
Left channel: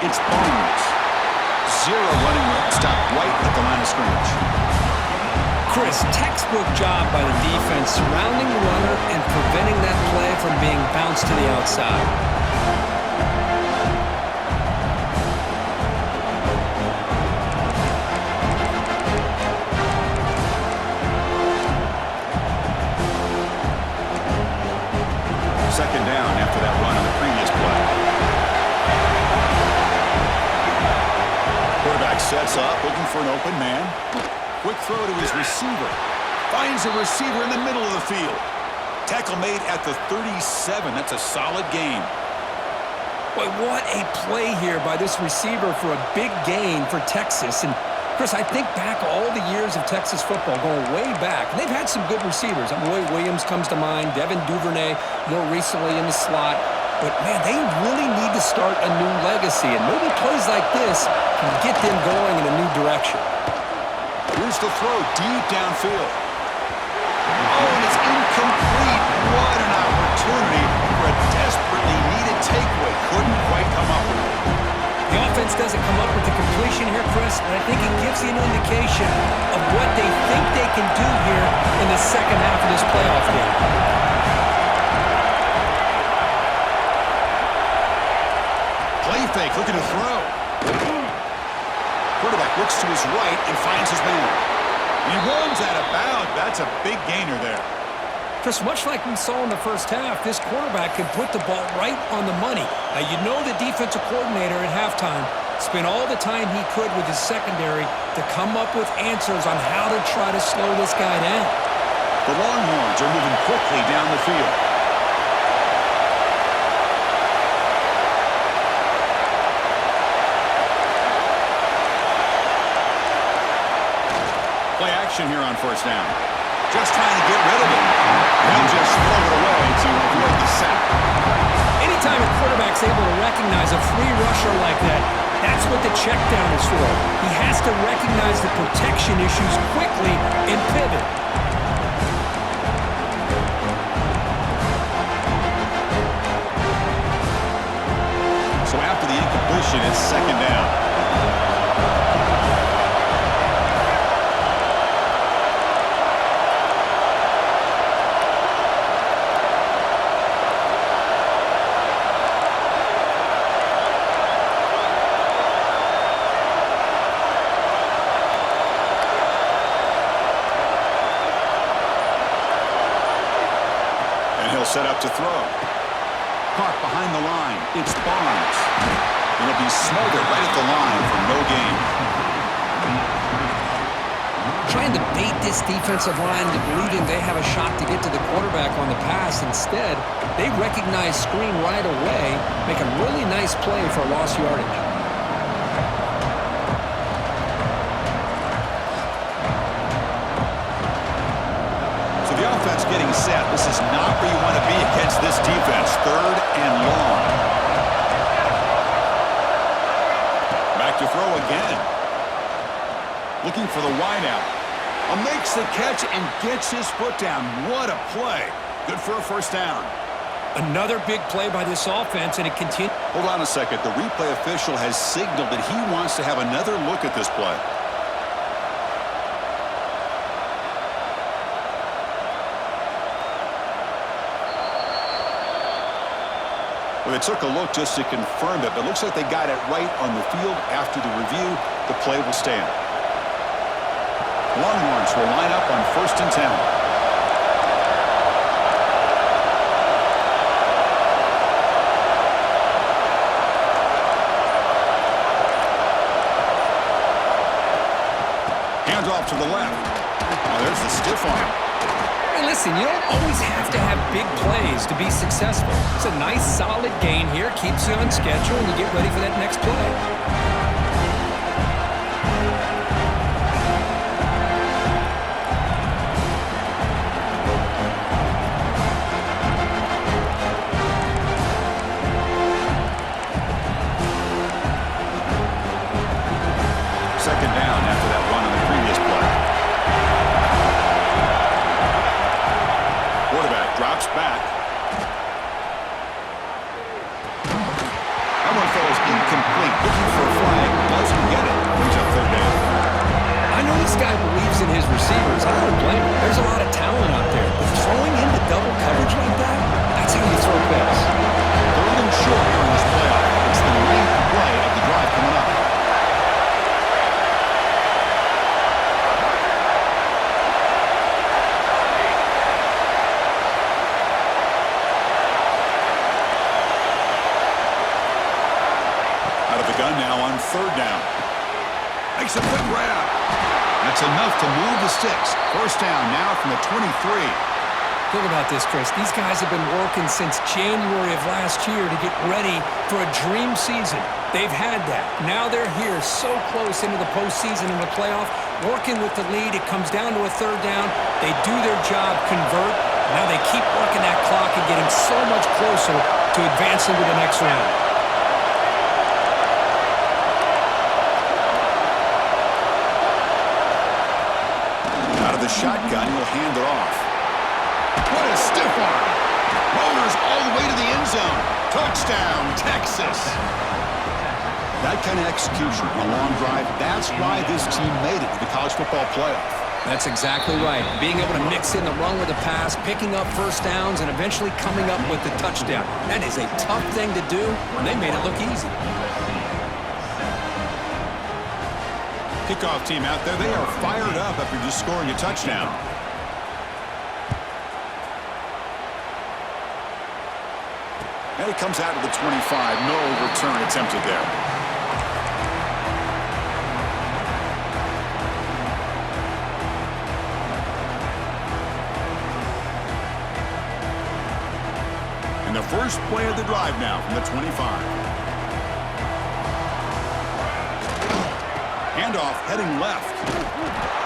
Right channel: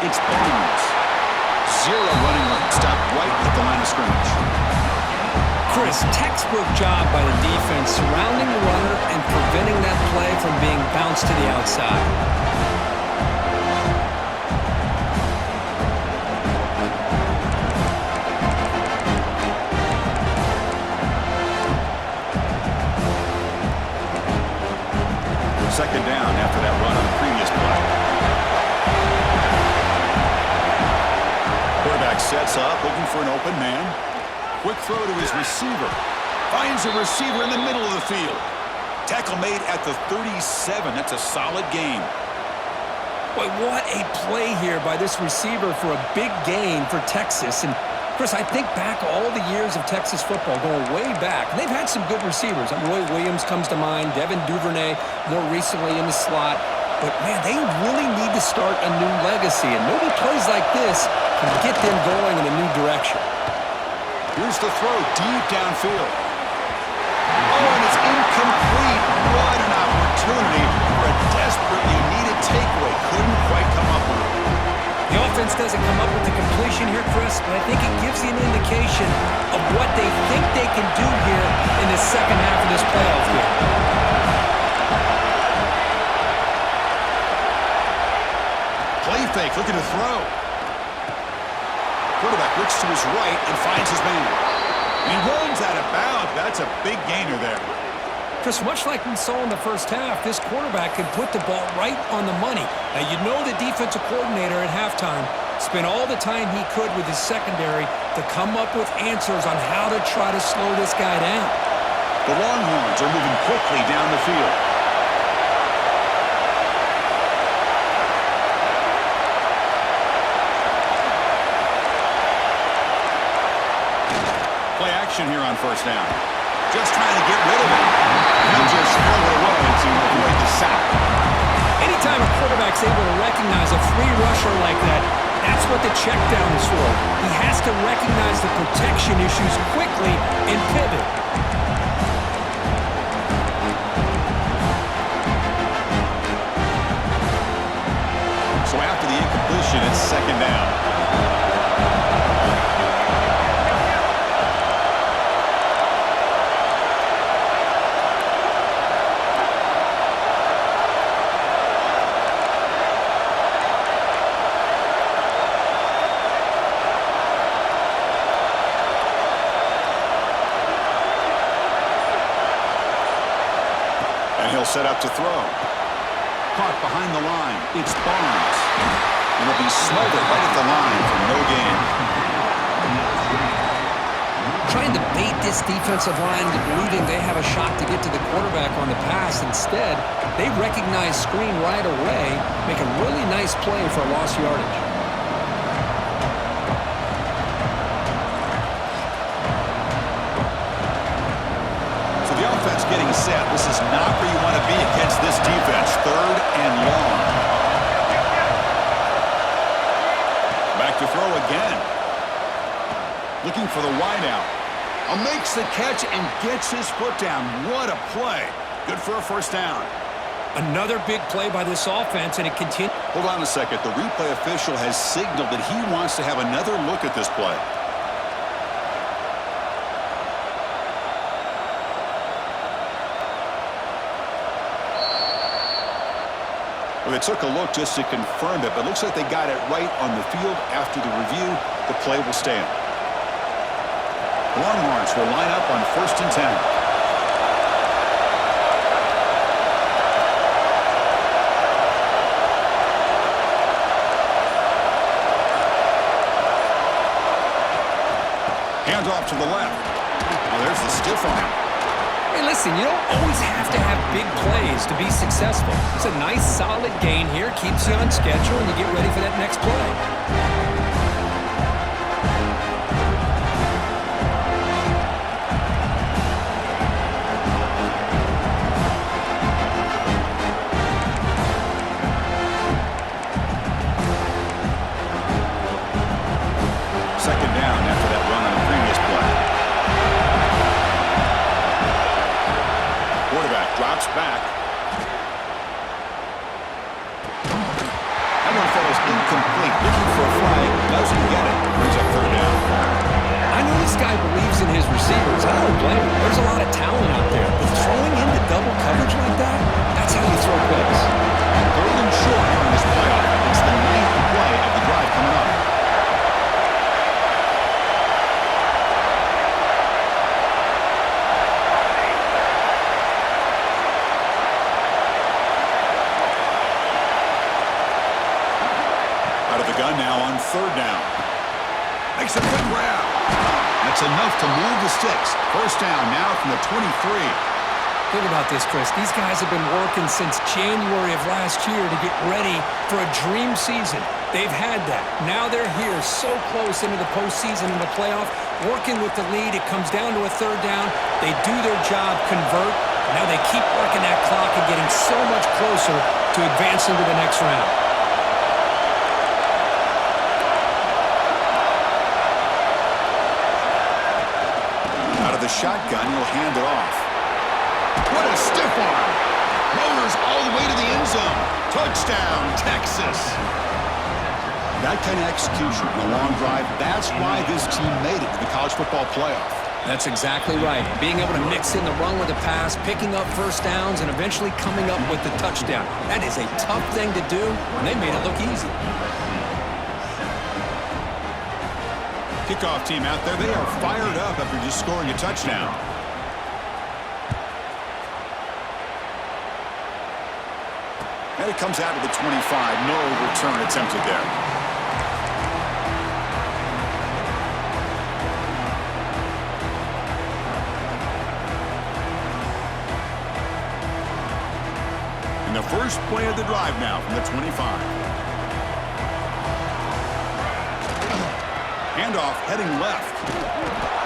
It's Barnes. 0 running room. Stop right at the line of scrimmage. Chris, textbook job by the defense surrounding the runner and preventing that play from being bounced to the outside. Second down after that run on the previous play. Quarterback sets up, looking for an open man. Quick throw to his receiver. Finds a receiver in the middle of the field. Tackle made at the 37. That's a solid gain. Boy, what a play here by this receiver for a big gain for Texas. And, Chris, I think back all the years of Texas football, going way back. And they've had some good receivers. Roy Williams comes to mind, Devin Duvernay more recently in the slot. But, man, they really need to start a new legacy. And maybe plays like this can get them going in a new direction. Here's the throw deep downfield. Oh, and it's incomplete. What an opportunity for a desperately needed takeaway. Couldn't quite come up with it. The offense doesn't come up with the completion here, Chris, but I think it gives you an indication of what they think they can do here in the second half of this playoff game. Play fake, looking to throw. Quarterback looks to his right and finds his man. And he runs out of bounds. That's a big gainer there. Chris, much like we saw in the first half, this quarterback can put the ball right on the money. Now, you know the defensive coordinator at halftime spent all the time he could with his secondary to come up with answers on how to try to slow this guy down. The Longhorns are moving quickly down the field. Play action here on first down. Just trying to get rid of it. He'll just throw it away to avoid the sack. Anytime a quarterback's able to recognize a free rusher like that, that's what the check down is for. He has to recognize the protection issues quickly and pivot. So after the incompletion, it's second down. He'll set up to throw. Caught behind the line. It's Barnes. It'll be smothered right at the line for no gain. Trying to bait this defensive line to believing they have a shot to get to the quarterback on the pass. Instead, they recognize screen right away, make a really nice play for lost yardage. The offense getting set. This is not where you want to be against this defense. 3rd and long. Back to throw again. Looking for the wideout. Makes the catch and gets his foot down. What a play. Good for a first down. Another big play by this offense, and it continues. Hold on a second. The replay official has signaled that he wants to have another look at this play. Well, they took a look just to confirm it, but it looks like they got it right on the field. After the review, the play will stand. Longhorns will line up on 1st and 10. Hands off to the left. Now there's the stiff arm. Hey, listen, you don't always have to have big plays to be successful. It's a nice, solid gain here. Keeps you on schedule, and you get ready for that next play. Second down after that run on the previous play. Quarterback drops back. That one falls incomplete. Looking for a flag. Doesn't get it. Brings up 3rd down. I know this guy believes in his receivers. I don't blame him. There's a lot of talent out there. But throwing into double coverage like that, that's how you throw picks. 3rd and short here in this playoff. It's the 9th play of the drive coming up. Out of the gun now on 3rd down. Makes a quick grab. That's enough to move the sticks. 1st down now from the 23. Think about this, Chris. These guys have been working since January of last year to get ready for a dream season. They've had that. Now they're here so close into the postseason and the playoff, working with the lead. It comes down to a 3rd down. They do their job, convert. Now they keep working that clock and getting so much closer to advancing to the next round. Out of the shotgun, he'll hand it off. What a stiff arm. Motors all the way to the end zone. Touchdown, Texas. That kind of execution on a long drive, that's why this team made it to the college football playoff. That's exactly right. Being able to mix in the run with the pass, picking up 1st downs, and eventually coming up with the touchdown. That is a tough thing to do, and they made it look easy. Kickoff team out there, they are fired up after just scoring a touchdown. And it comes out to the 25. No return attempted there. And the first play of the drive now from the 25. Handoff heading left.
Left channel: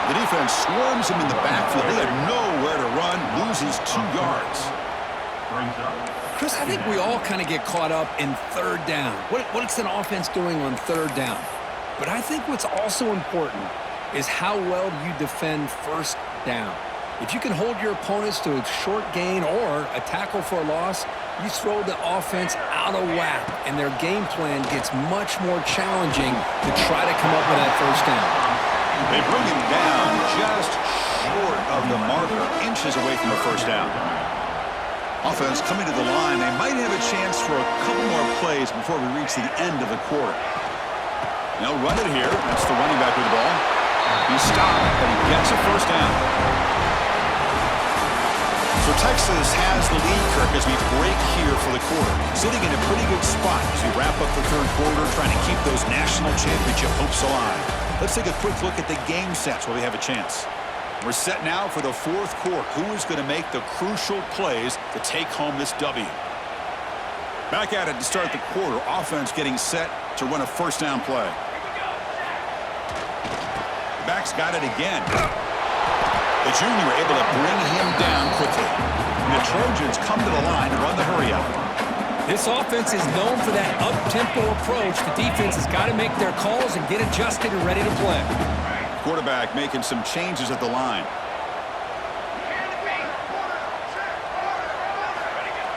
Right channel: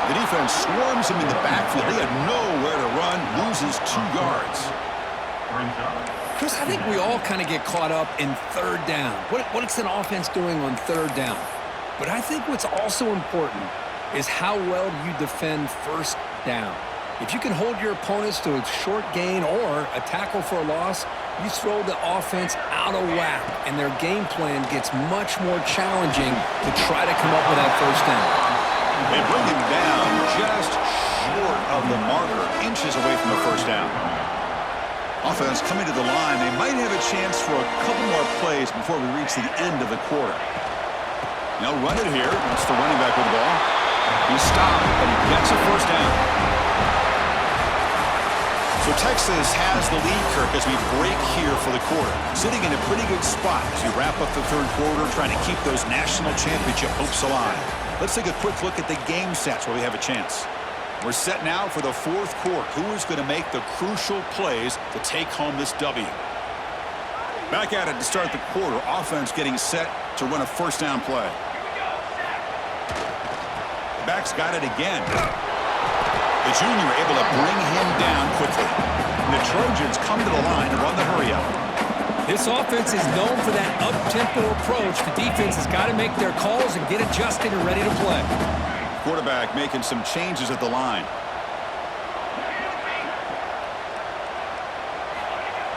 The defense swarms him in the backfield. They had nowhere to run. Loses 2 yards. Chris, I think we all kind of get caught up in 3rd down. What's an offense doing on 3rd down? But I think what's also important is how well you defend 1st down. If you can hold your opponents to a short gain or a tackle for a loss, you throw the offense out of whack, and their game plan gets much more challenging to try to come up with that 1st down. They bring him down just short of the marker, inches away from the 1st down. Offense coming to the line. They might have a chance for a couple more plays before we reach the end of the quarter. They'll run it here. That's the running back with the ball. He's stopped, but he gets a 1st down. So Texas has the lead, Kirk, as we break here for the quarter. Sitting in a pretty good spot as we wrap up the 3rd quarter, trying to keep those national championship hopes alive. Let's take a quick look at the game sets where we have a chance. We're set now for the 4th quarter. Who is going to make the crucial plays to take home this W? Back at it to start the quarter. Offense getting set to run a 1st down play. The back's got it again. The junior able to bring him down quickly. The Trojans come to the line to run the hurry-up. This offense is known for that up-tempo approach. The defense has got to make their calls and get adjusted and ready to play. Quarterback making some changes at the line.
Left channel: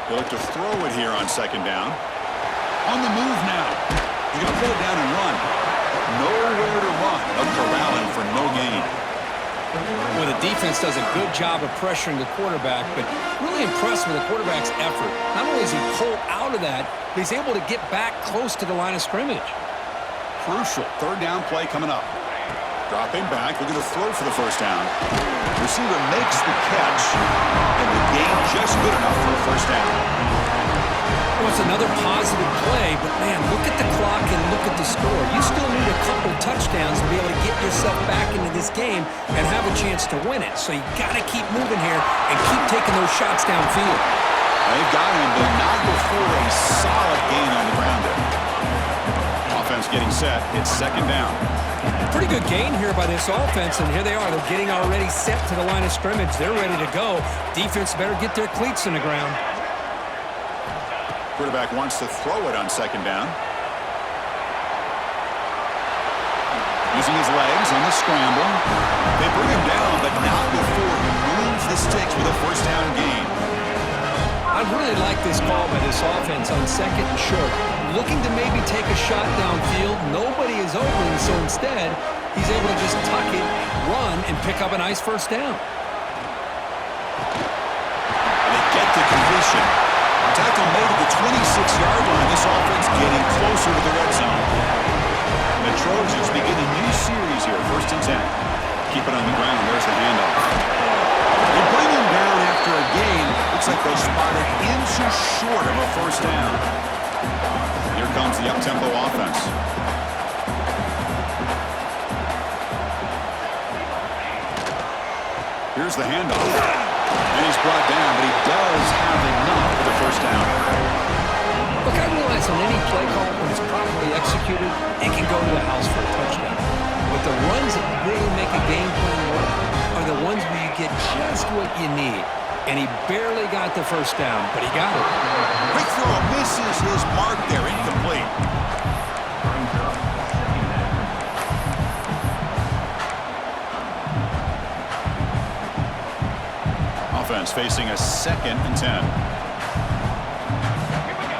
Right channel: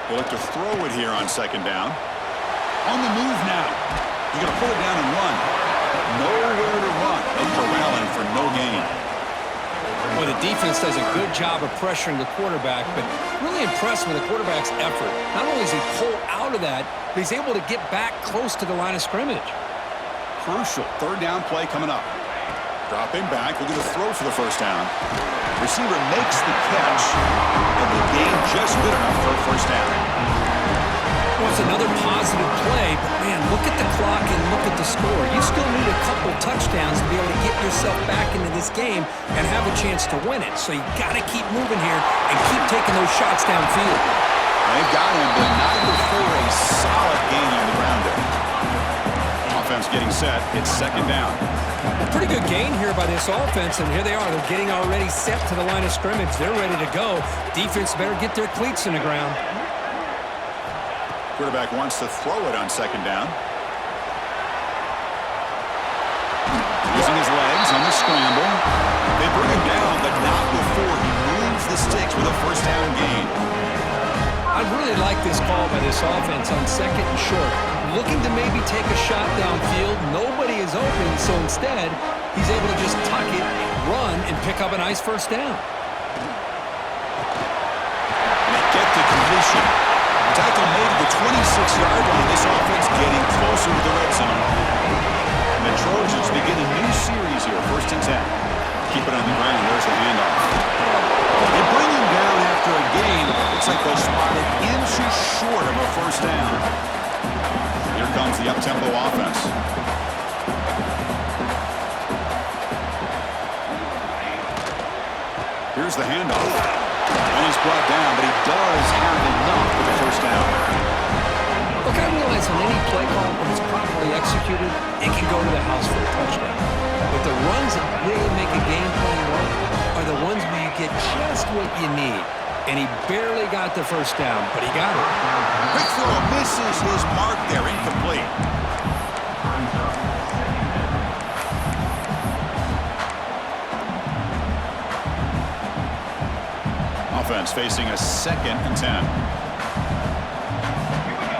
They look to throw it here on 2nd down. On the move now. He's going to pull it down and run. Nowhere to run. They'll corral him for no gain. Well, the defense does a good job of pressuring the quarterback, but really impressed with the quarterback's effort. Not only does he pull out of that, but he's able to get back close to the line of scrimmage. Crucial third down play coming up. Dropping back, looking to throw for the first down. Receiver makes the catch, and the gain just good enough for a first down. Well, it's another positive play, but man, look at the clock and look at the score. You still need a couple touchdowns to be able to get yourself back into this game and have a chance to win it. So you got to keep moving here and keep taking those shots downfield. They've got him, but not before a solid gain on the ground there. Offense getting set. It's second down. Pretty good gain here by this offense, and here they are. They're getting already set to the line of scrimmage. They're ready to go. Defense better get their cleats in the ground. Quarterback wants to throw it on second down. Using his legs on the scramble. They bring him down, but not before he moves the sticks with a first down gain. I really like this call by this offense on second and short. Looking to maybe take a shot downfield. Nobody is open, so instead, he's able to just tuck it, run, and pick up a nice first down. And they get the completion. Tackle made at the 26-yard line. This offense getting closer to the red zone. And the Trojans begin a new series here, 1st and 10. Keep it on the ground. There's the handoff. They bring him down after a gain. Looks like they'll spot it inches short of a first down. Here comes the up-tempo offense. Here's the handoff. And he's brought down, but he does have enough for the first down. Look, I realize on any play call, when it's properly executed, it can go to the house for a touchdown. But the runs that really make a game plan work are the ones where you get just what you need. And he barely got the first down, but he got it. Quick throw misses his mark there, incomplete. Offense facing a 2nd and 10. Here we go.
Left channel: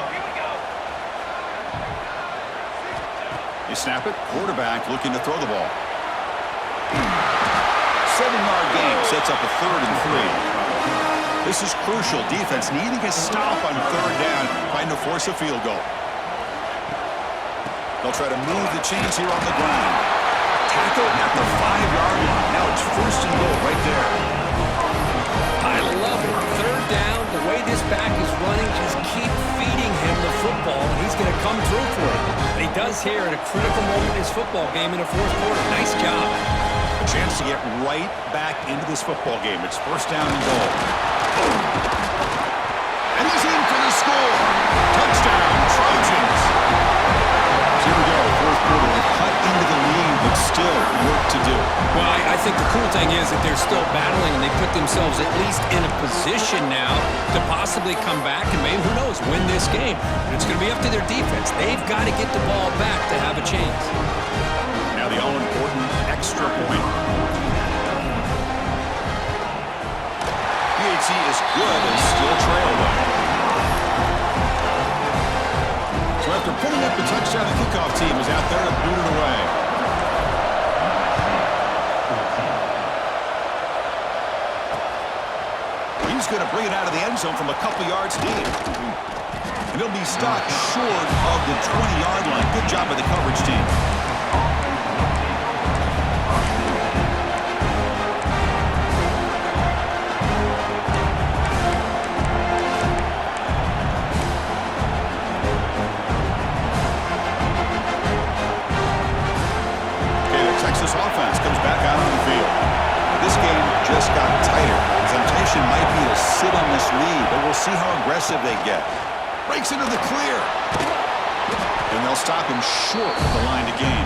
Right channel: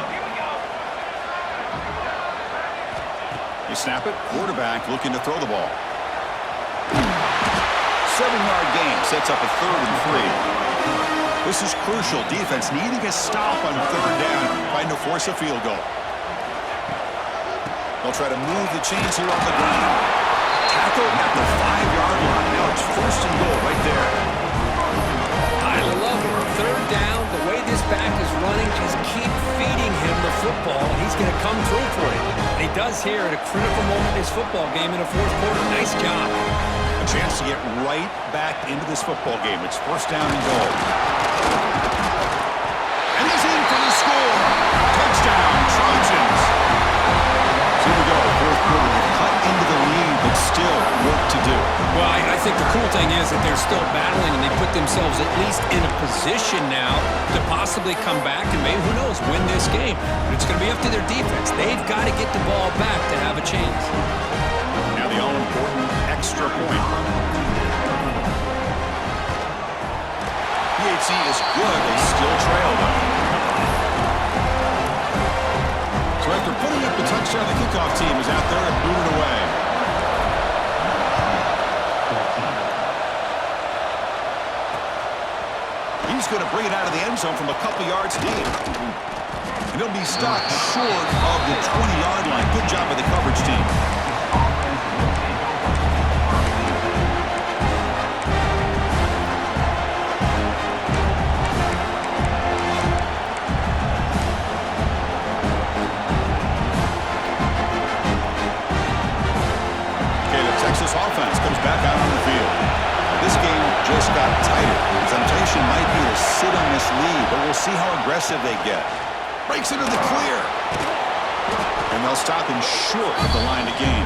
They snap it. Quarterback looking to throw the ball. 7-yard gain sets up a 3rd and 3. This is crucial. Defense needing a stop on 3rd down, trying to force a field goal. They'll try to move the chains here on the ground. Tackle at the 5-yard line. Now it's 1st and goal right there. I love it. 3rd down, the way this back is running, just keep feeding him the football, and he's going to come through for it. And he does here at a critical moment in his football game in the 4th quarter. Nice job. A chance to get right back into this football game. It's 1st down and goal. And he's in for the score. Touchdown, Trojans. So here we go, 4th quarter. They've cut into the lead, but still work to do. Well, I think the cool thing is that they're still battling, and they put themselves at least in a position now to possibly come back and maybe, who knows, win this game. But it's going to be up to their defense. They've got to get the ball back to have a chance. Now the all-important extra point. PHC is good. They still trail, though. So after putting up the touchdown, the kickoff team is out there to boot it away. He's going to bring it out of the end zone from a couple yards deep. And he'll be stopped short of the 20-yard line. Good job by the coverage team. Texas offense comes back out on the field. This game just got tighter. The temptation might be to sit on this lead, but we'll see how aggressive they get. Breaks into the clear. And they'll stop him short of the line to gain.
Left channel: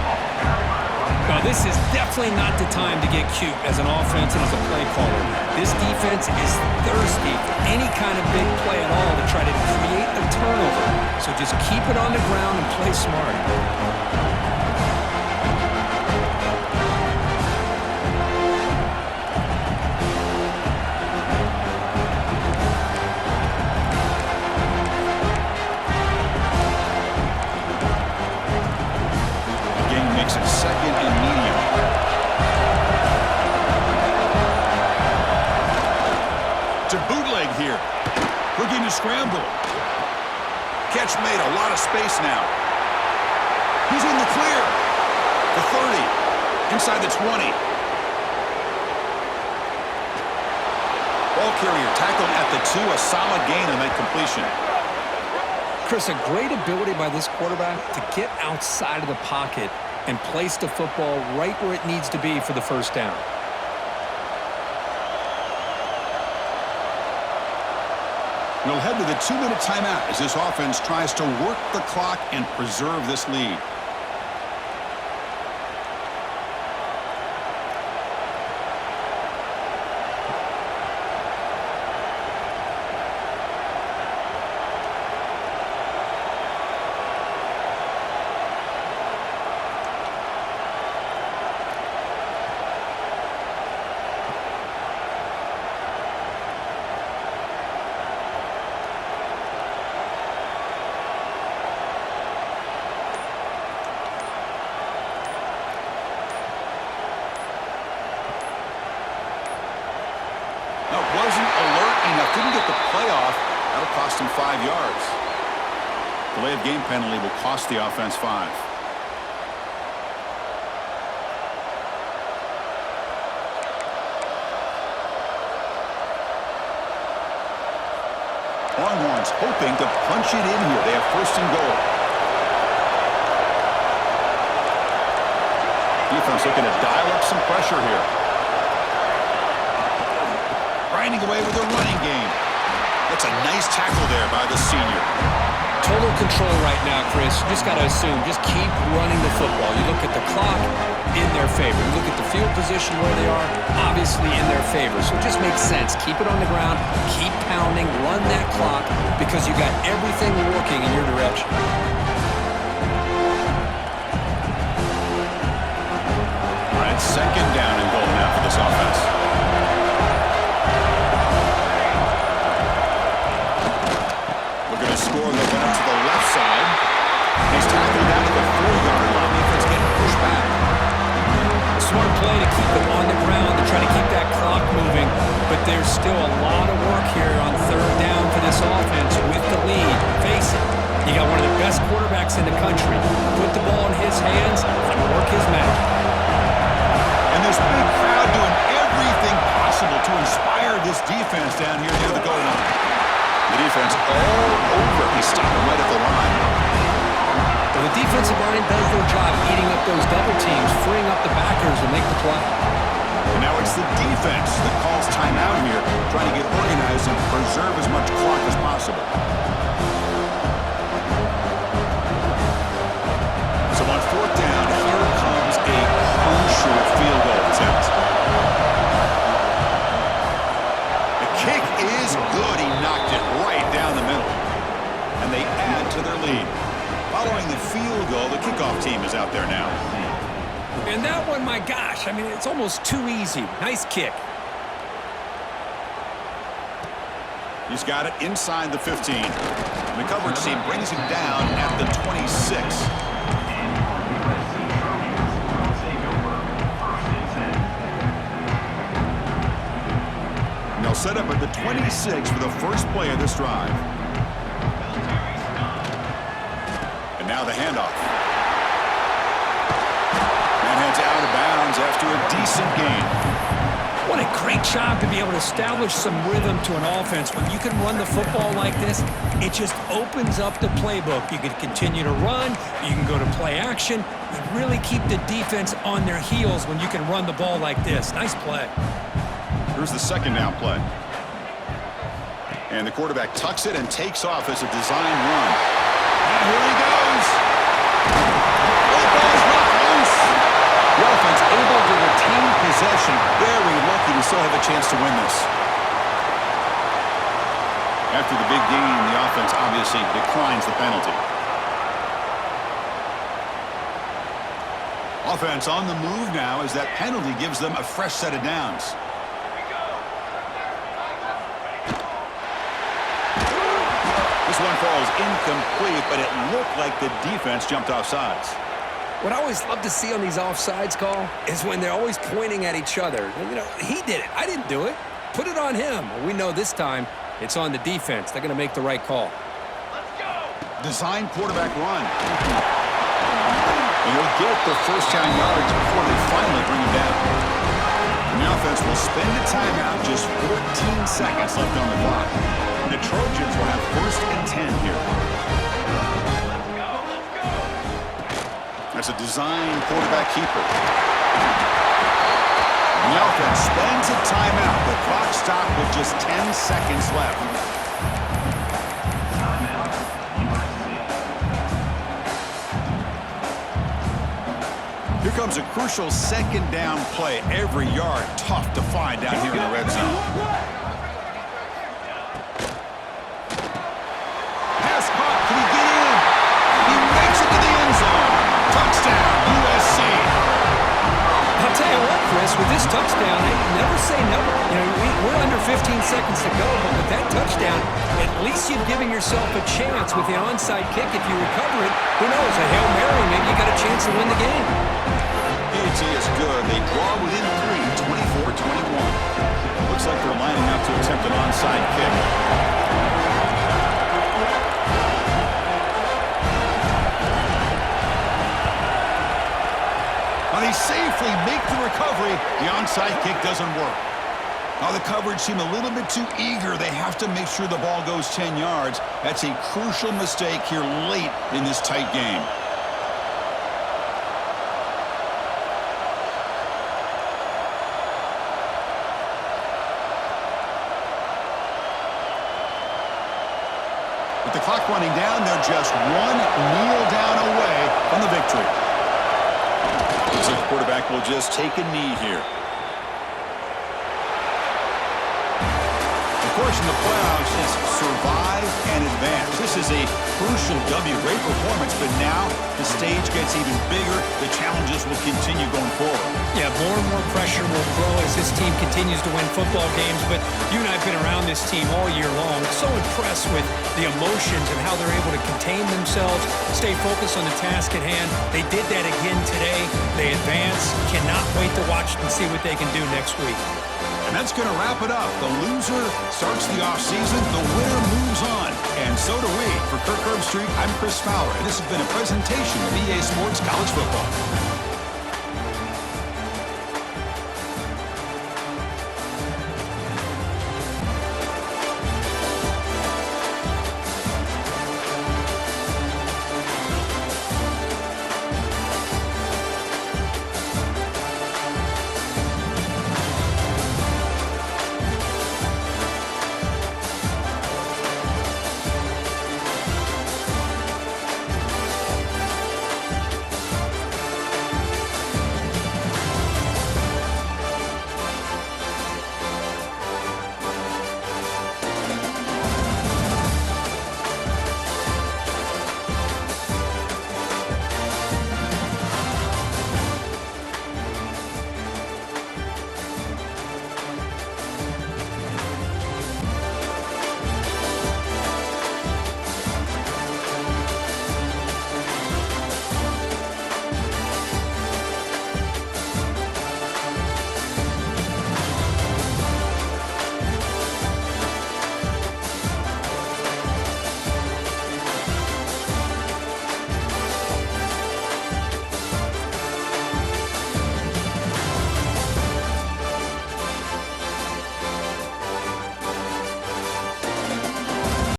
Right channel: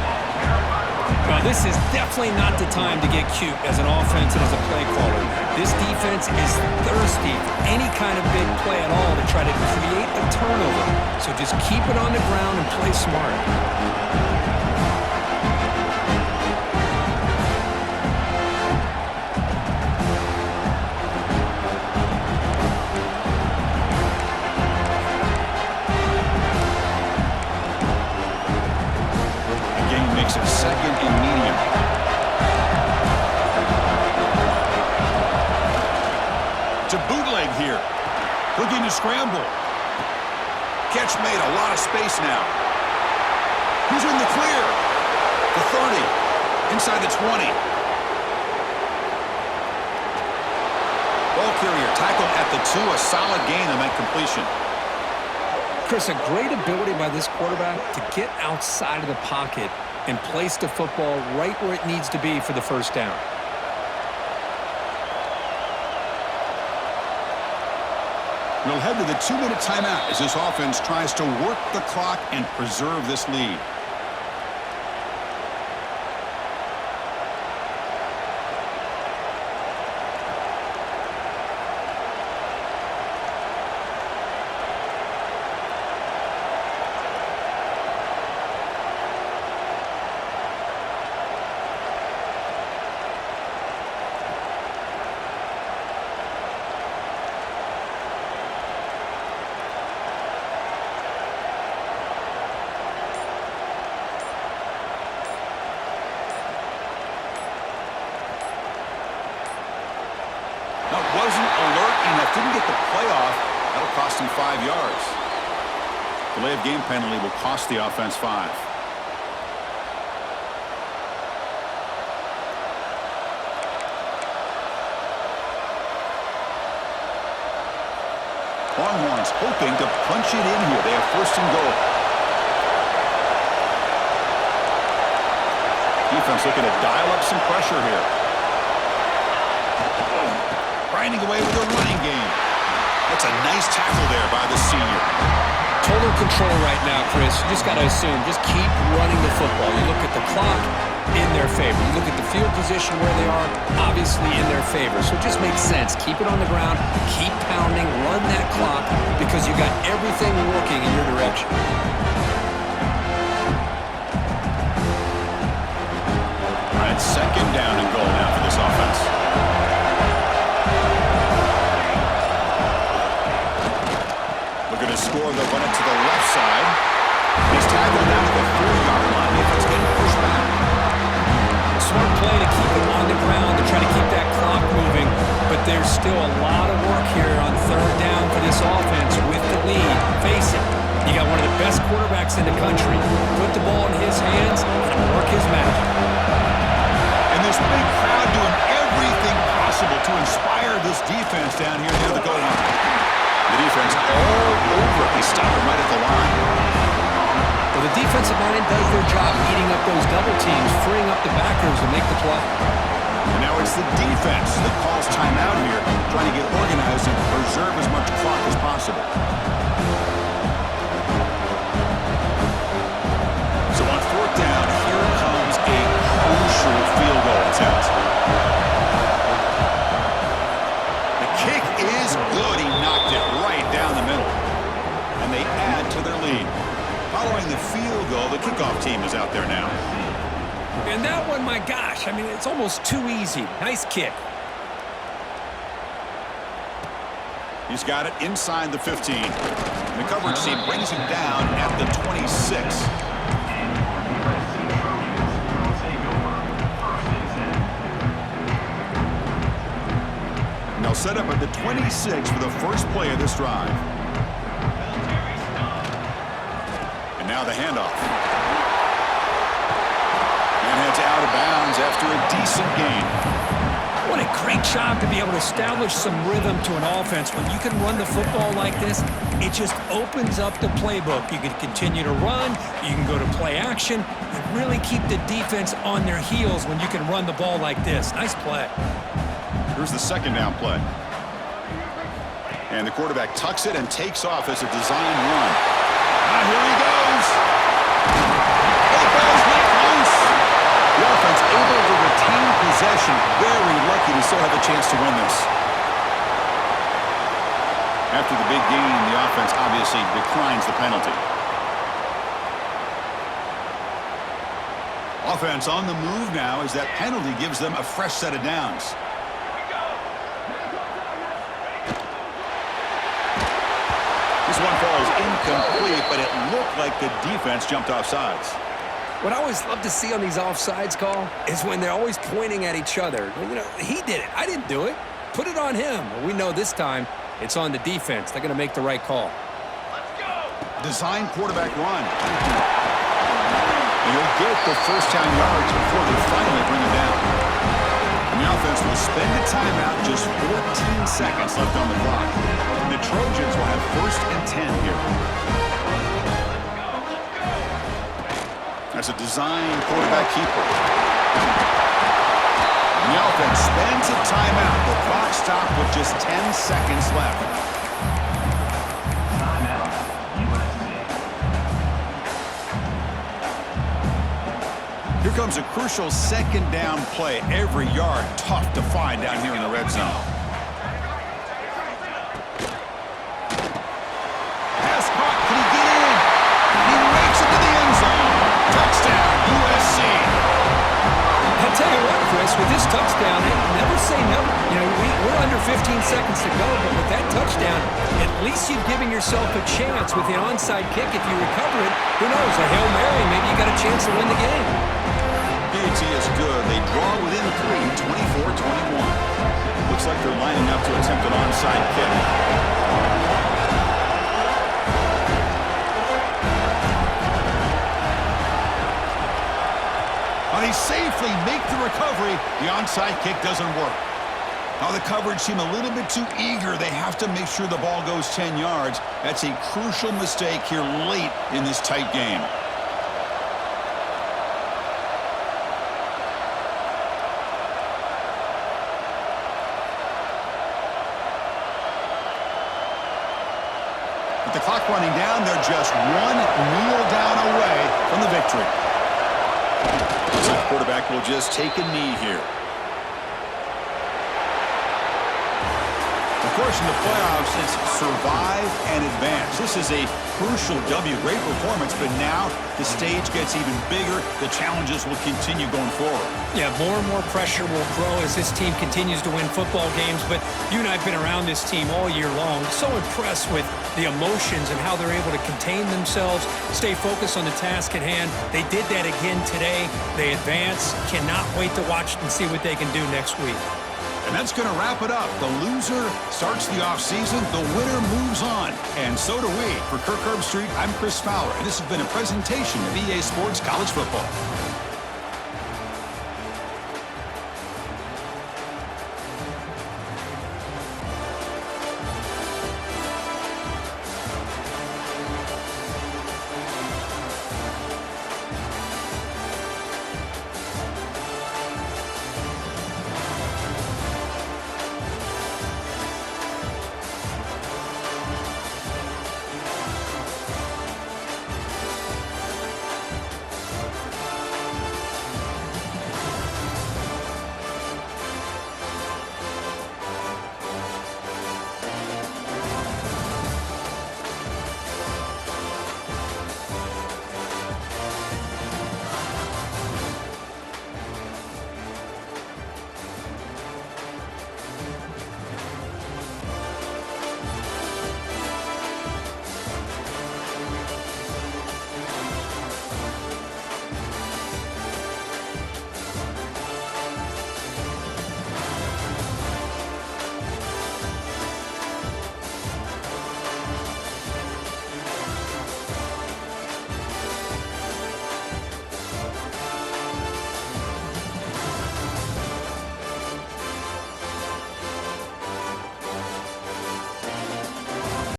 Well, this is definitely not the time to get cute as an offense and as a play caller. This defense is thirsty for any kind of big play at all to try to create a turnover. So just keep it on the ground and play smart. Makes it 2nd and medium. to bootleg here. Looking to scramble. Catch made, a lot of space now. He's in the clear. The 30. Inside the 20. Ball carrier tackled at the 2. A solid gain and that completion. Chris, a great ability by this quarterback to get outside of the pocket and place the football right where it needs to be for the first down. We'll head to the 2-minute timeout as this offense tries to work the clock and preserve this lead. No, wasn't alert enough. Didn't get the play off. That'll cost him 5 yards. Delay of game penalty will cost the offense 5. Longhorns hoping to punch it in here. They have first and goal. Defense looking to dial up some pressure here. Grinding away with a running game. That's a nice tackle there by the senior. Total control right now, Chris. You just got to assume. Just keep running the football. You look at the clock, in their favor. You look at the field position where they are, obviously in their favor. So it just makes sense. Keep it on the ground. Keep pounding. Run that clock because you got everything working in your direction. All right, second down and goal now for this offense. Looking to score, they'll run it to the left side. He's tackled down at the 4-yard line. Defense getting pushed back. Smart play to keep it on the ground to try to keep that clock moving, but there's still a lot of work here on third down for this offense with the lead. Face it, you got one of the best quarterbacks in the country. Put the ball in his hands and work his magic. And this big crowd doing everything possible to inspire this defense down here near the goal line. The defense all over. They stop him right at the line. Well, the defensive line does their job eating up those double teams, freeing up the backers to make the play. And now it's the defense that calls timeout here, trying to get organized and preserve as much clock as possible. So on fourth down, here comes a crucial field goal attempt. The kick is good. He knocked it right down the middle. And they add to their lead. Following the field goal, the kickoff team is out there now. And that one, my gosh, I mean, it's almost too easy. Nice kick. He's got it inside the 15. And the coverage team brings him down at the 26. And they'll set up at the 26 for the first play of this drive. And now the handoff. Man heads out of bounds after a decent gain. What a great job to be able to establish some rhythm to an offense. When you can run the football like this, it just opens up the playbook. You can continue to run, you can go to play action, and really keep the defense on their heels when you can run the ball like this. Nice play. Here's the second down play. And the quarterback tucks it and takes off as a design run. Here he goes. Oh, the ball's knocked loose. The offense able to retain possession. Very lucky to still have a chance to win this. After the big gain, the offense obviously declines the penalty. Offense on the move now as that penalty gives them a fresh set of downs. This one falls incomplete, but it looked like the defense jumped off sides. What I always love to see on these offsides call is when they're always pointing at each other. You know, he did it. I didn't do it. put it on him. Well, we know this time it's on the defense. They're going to make the right call. Design quarterback run. And he'll get the first down yards before they finally bring him down. And the offense will spend a timeout, just 14 seconds left on the clock. And the Trojans will have 1st and 10 here. That's a design quarterback keeper. And the offense spends a timeout. The clock stopped with just 10 seconds left. Timeout, USC. Here comes a crucial 2nd down play. Every yard tough to find down here in the red zone. Pass caught. Can he get in? He makes it to the end zone. Touchdown, USC. I'll tell you what, Chris, with this touchdown, never say never. You know, we're under 15 seconds to go, but with that touchdown, at least you've given yourself a chance with the onside kick. If you recover it, who knows, a Hail Mary, maybe you got a chance to win the game. PAT is good. They draw within 3, 24-21. Looks like they're lining up to attempt an onside kick. Now they safely make the recovery. The onside kick doesn't work. Now the coverage seem a little bit too eager. They have to make sure the ball goes 10 yards. That's a crucial mistake here late in this tight game. With the clock running down, they're just one kneel down away from the victory. Looks like the quarterback will just take a knee here. Of course, in the playoffs, it's survive and advance. This is a crucial W. Great performance, but now the stage gets even bigger. The challenges will continue going forward. Yeah, more and more pressure will grow as this team continues to win football games, but you and I have been around this team all year long. So impressed with the emotions and how they're able to contain themselves, stay focused on the task at hand. They did that again today. They advance. Cannot wait to watch and see what they can do next week. And that's going to wrap it up. The loser starts the offseason. The winner moves on. And so do we. For Kirk Herbstreit, I'm Chris Fowler, and this has been a presentation of EA Sports College Football.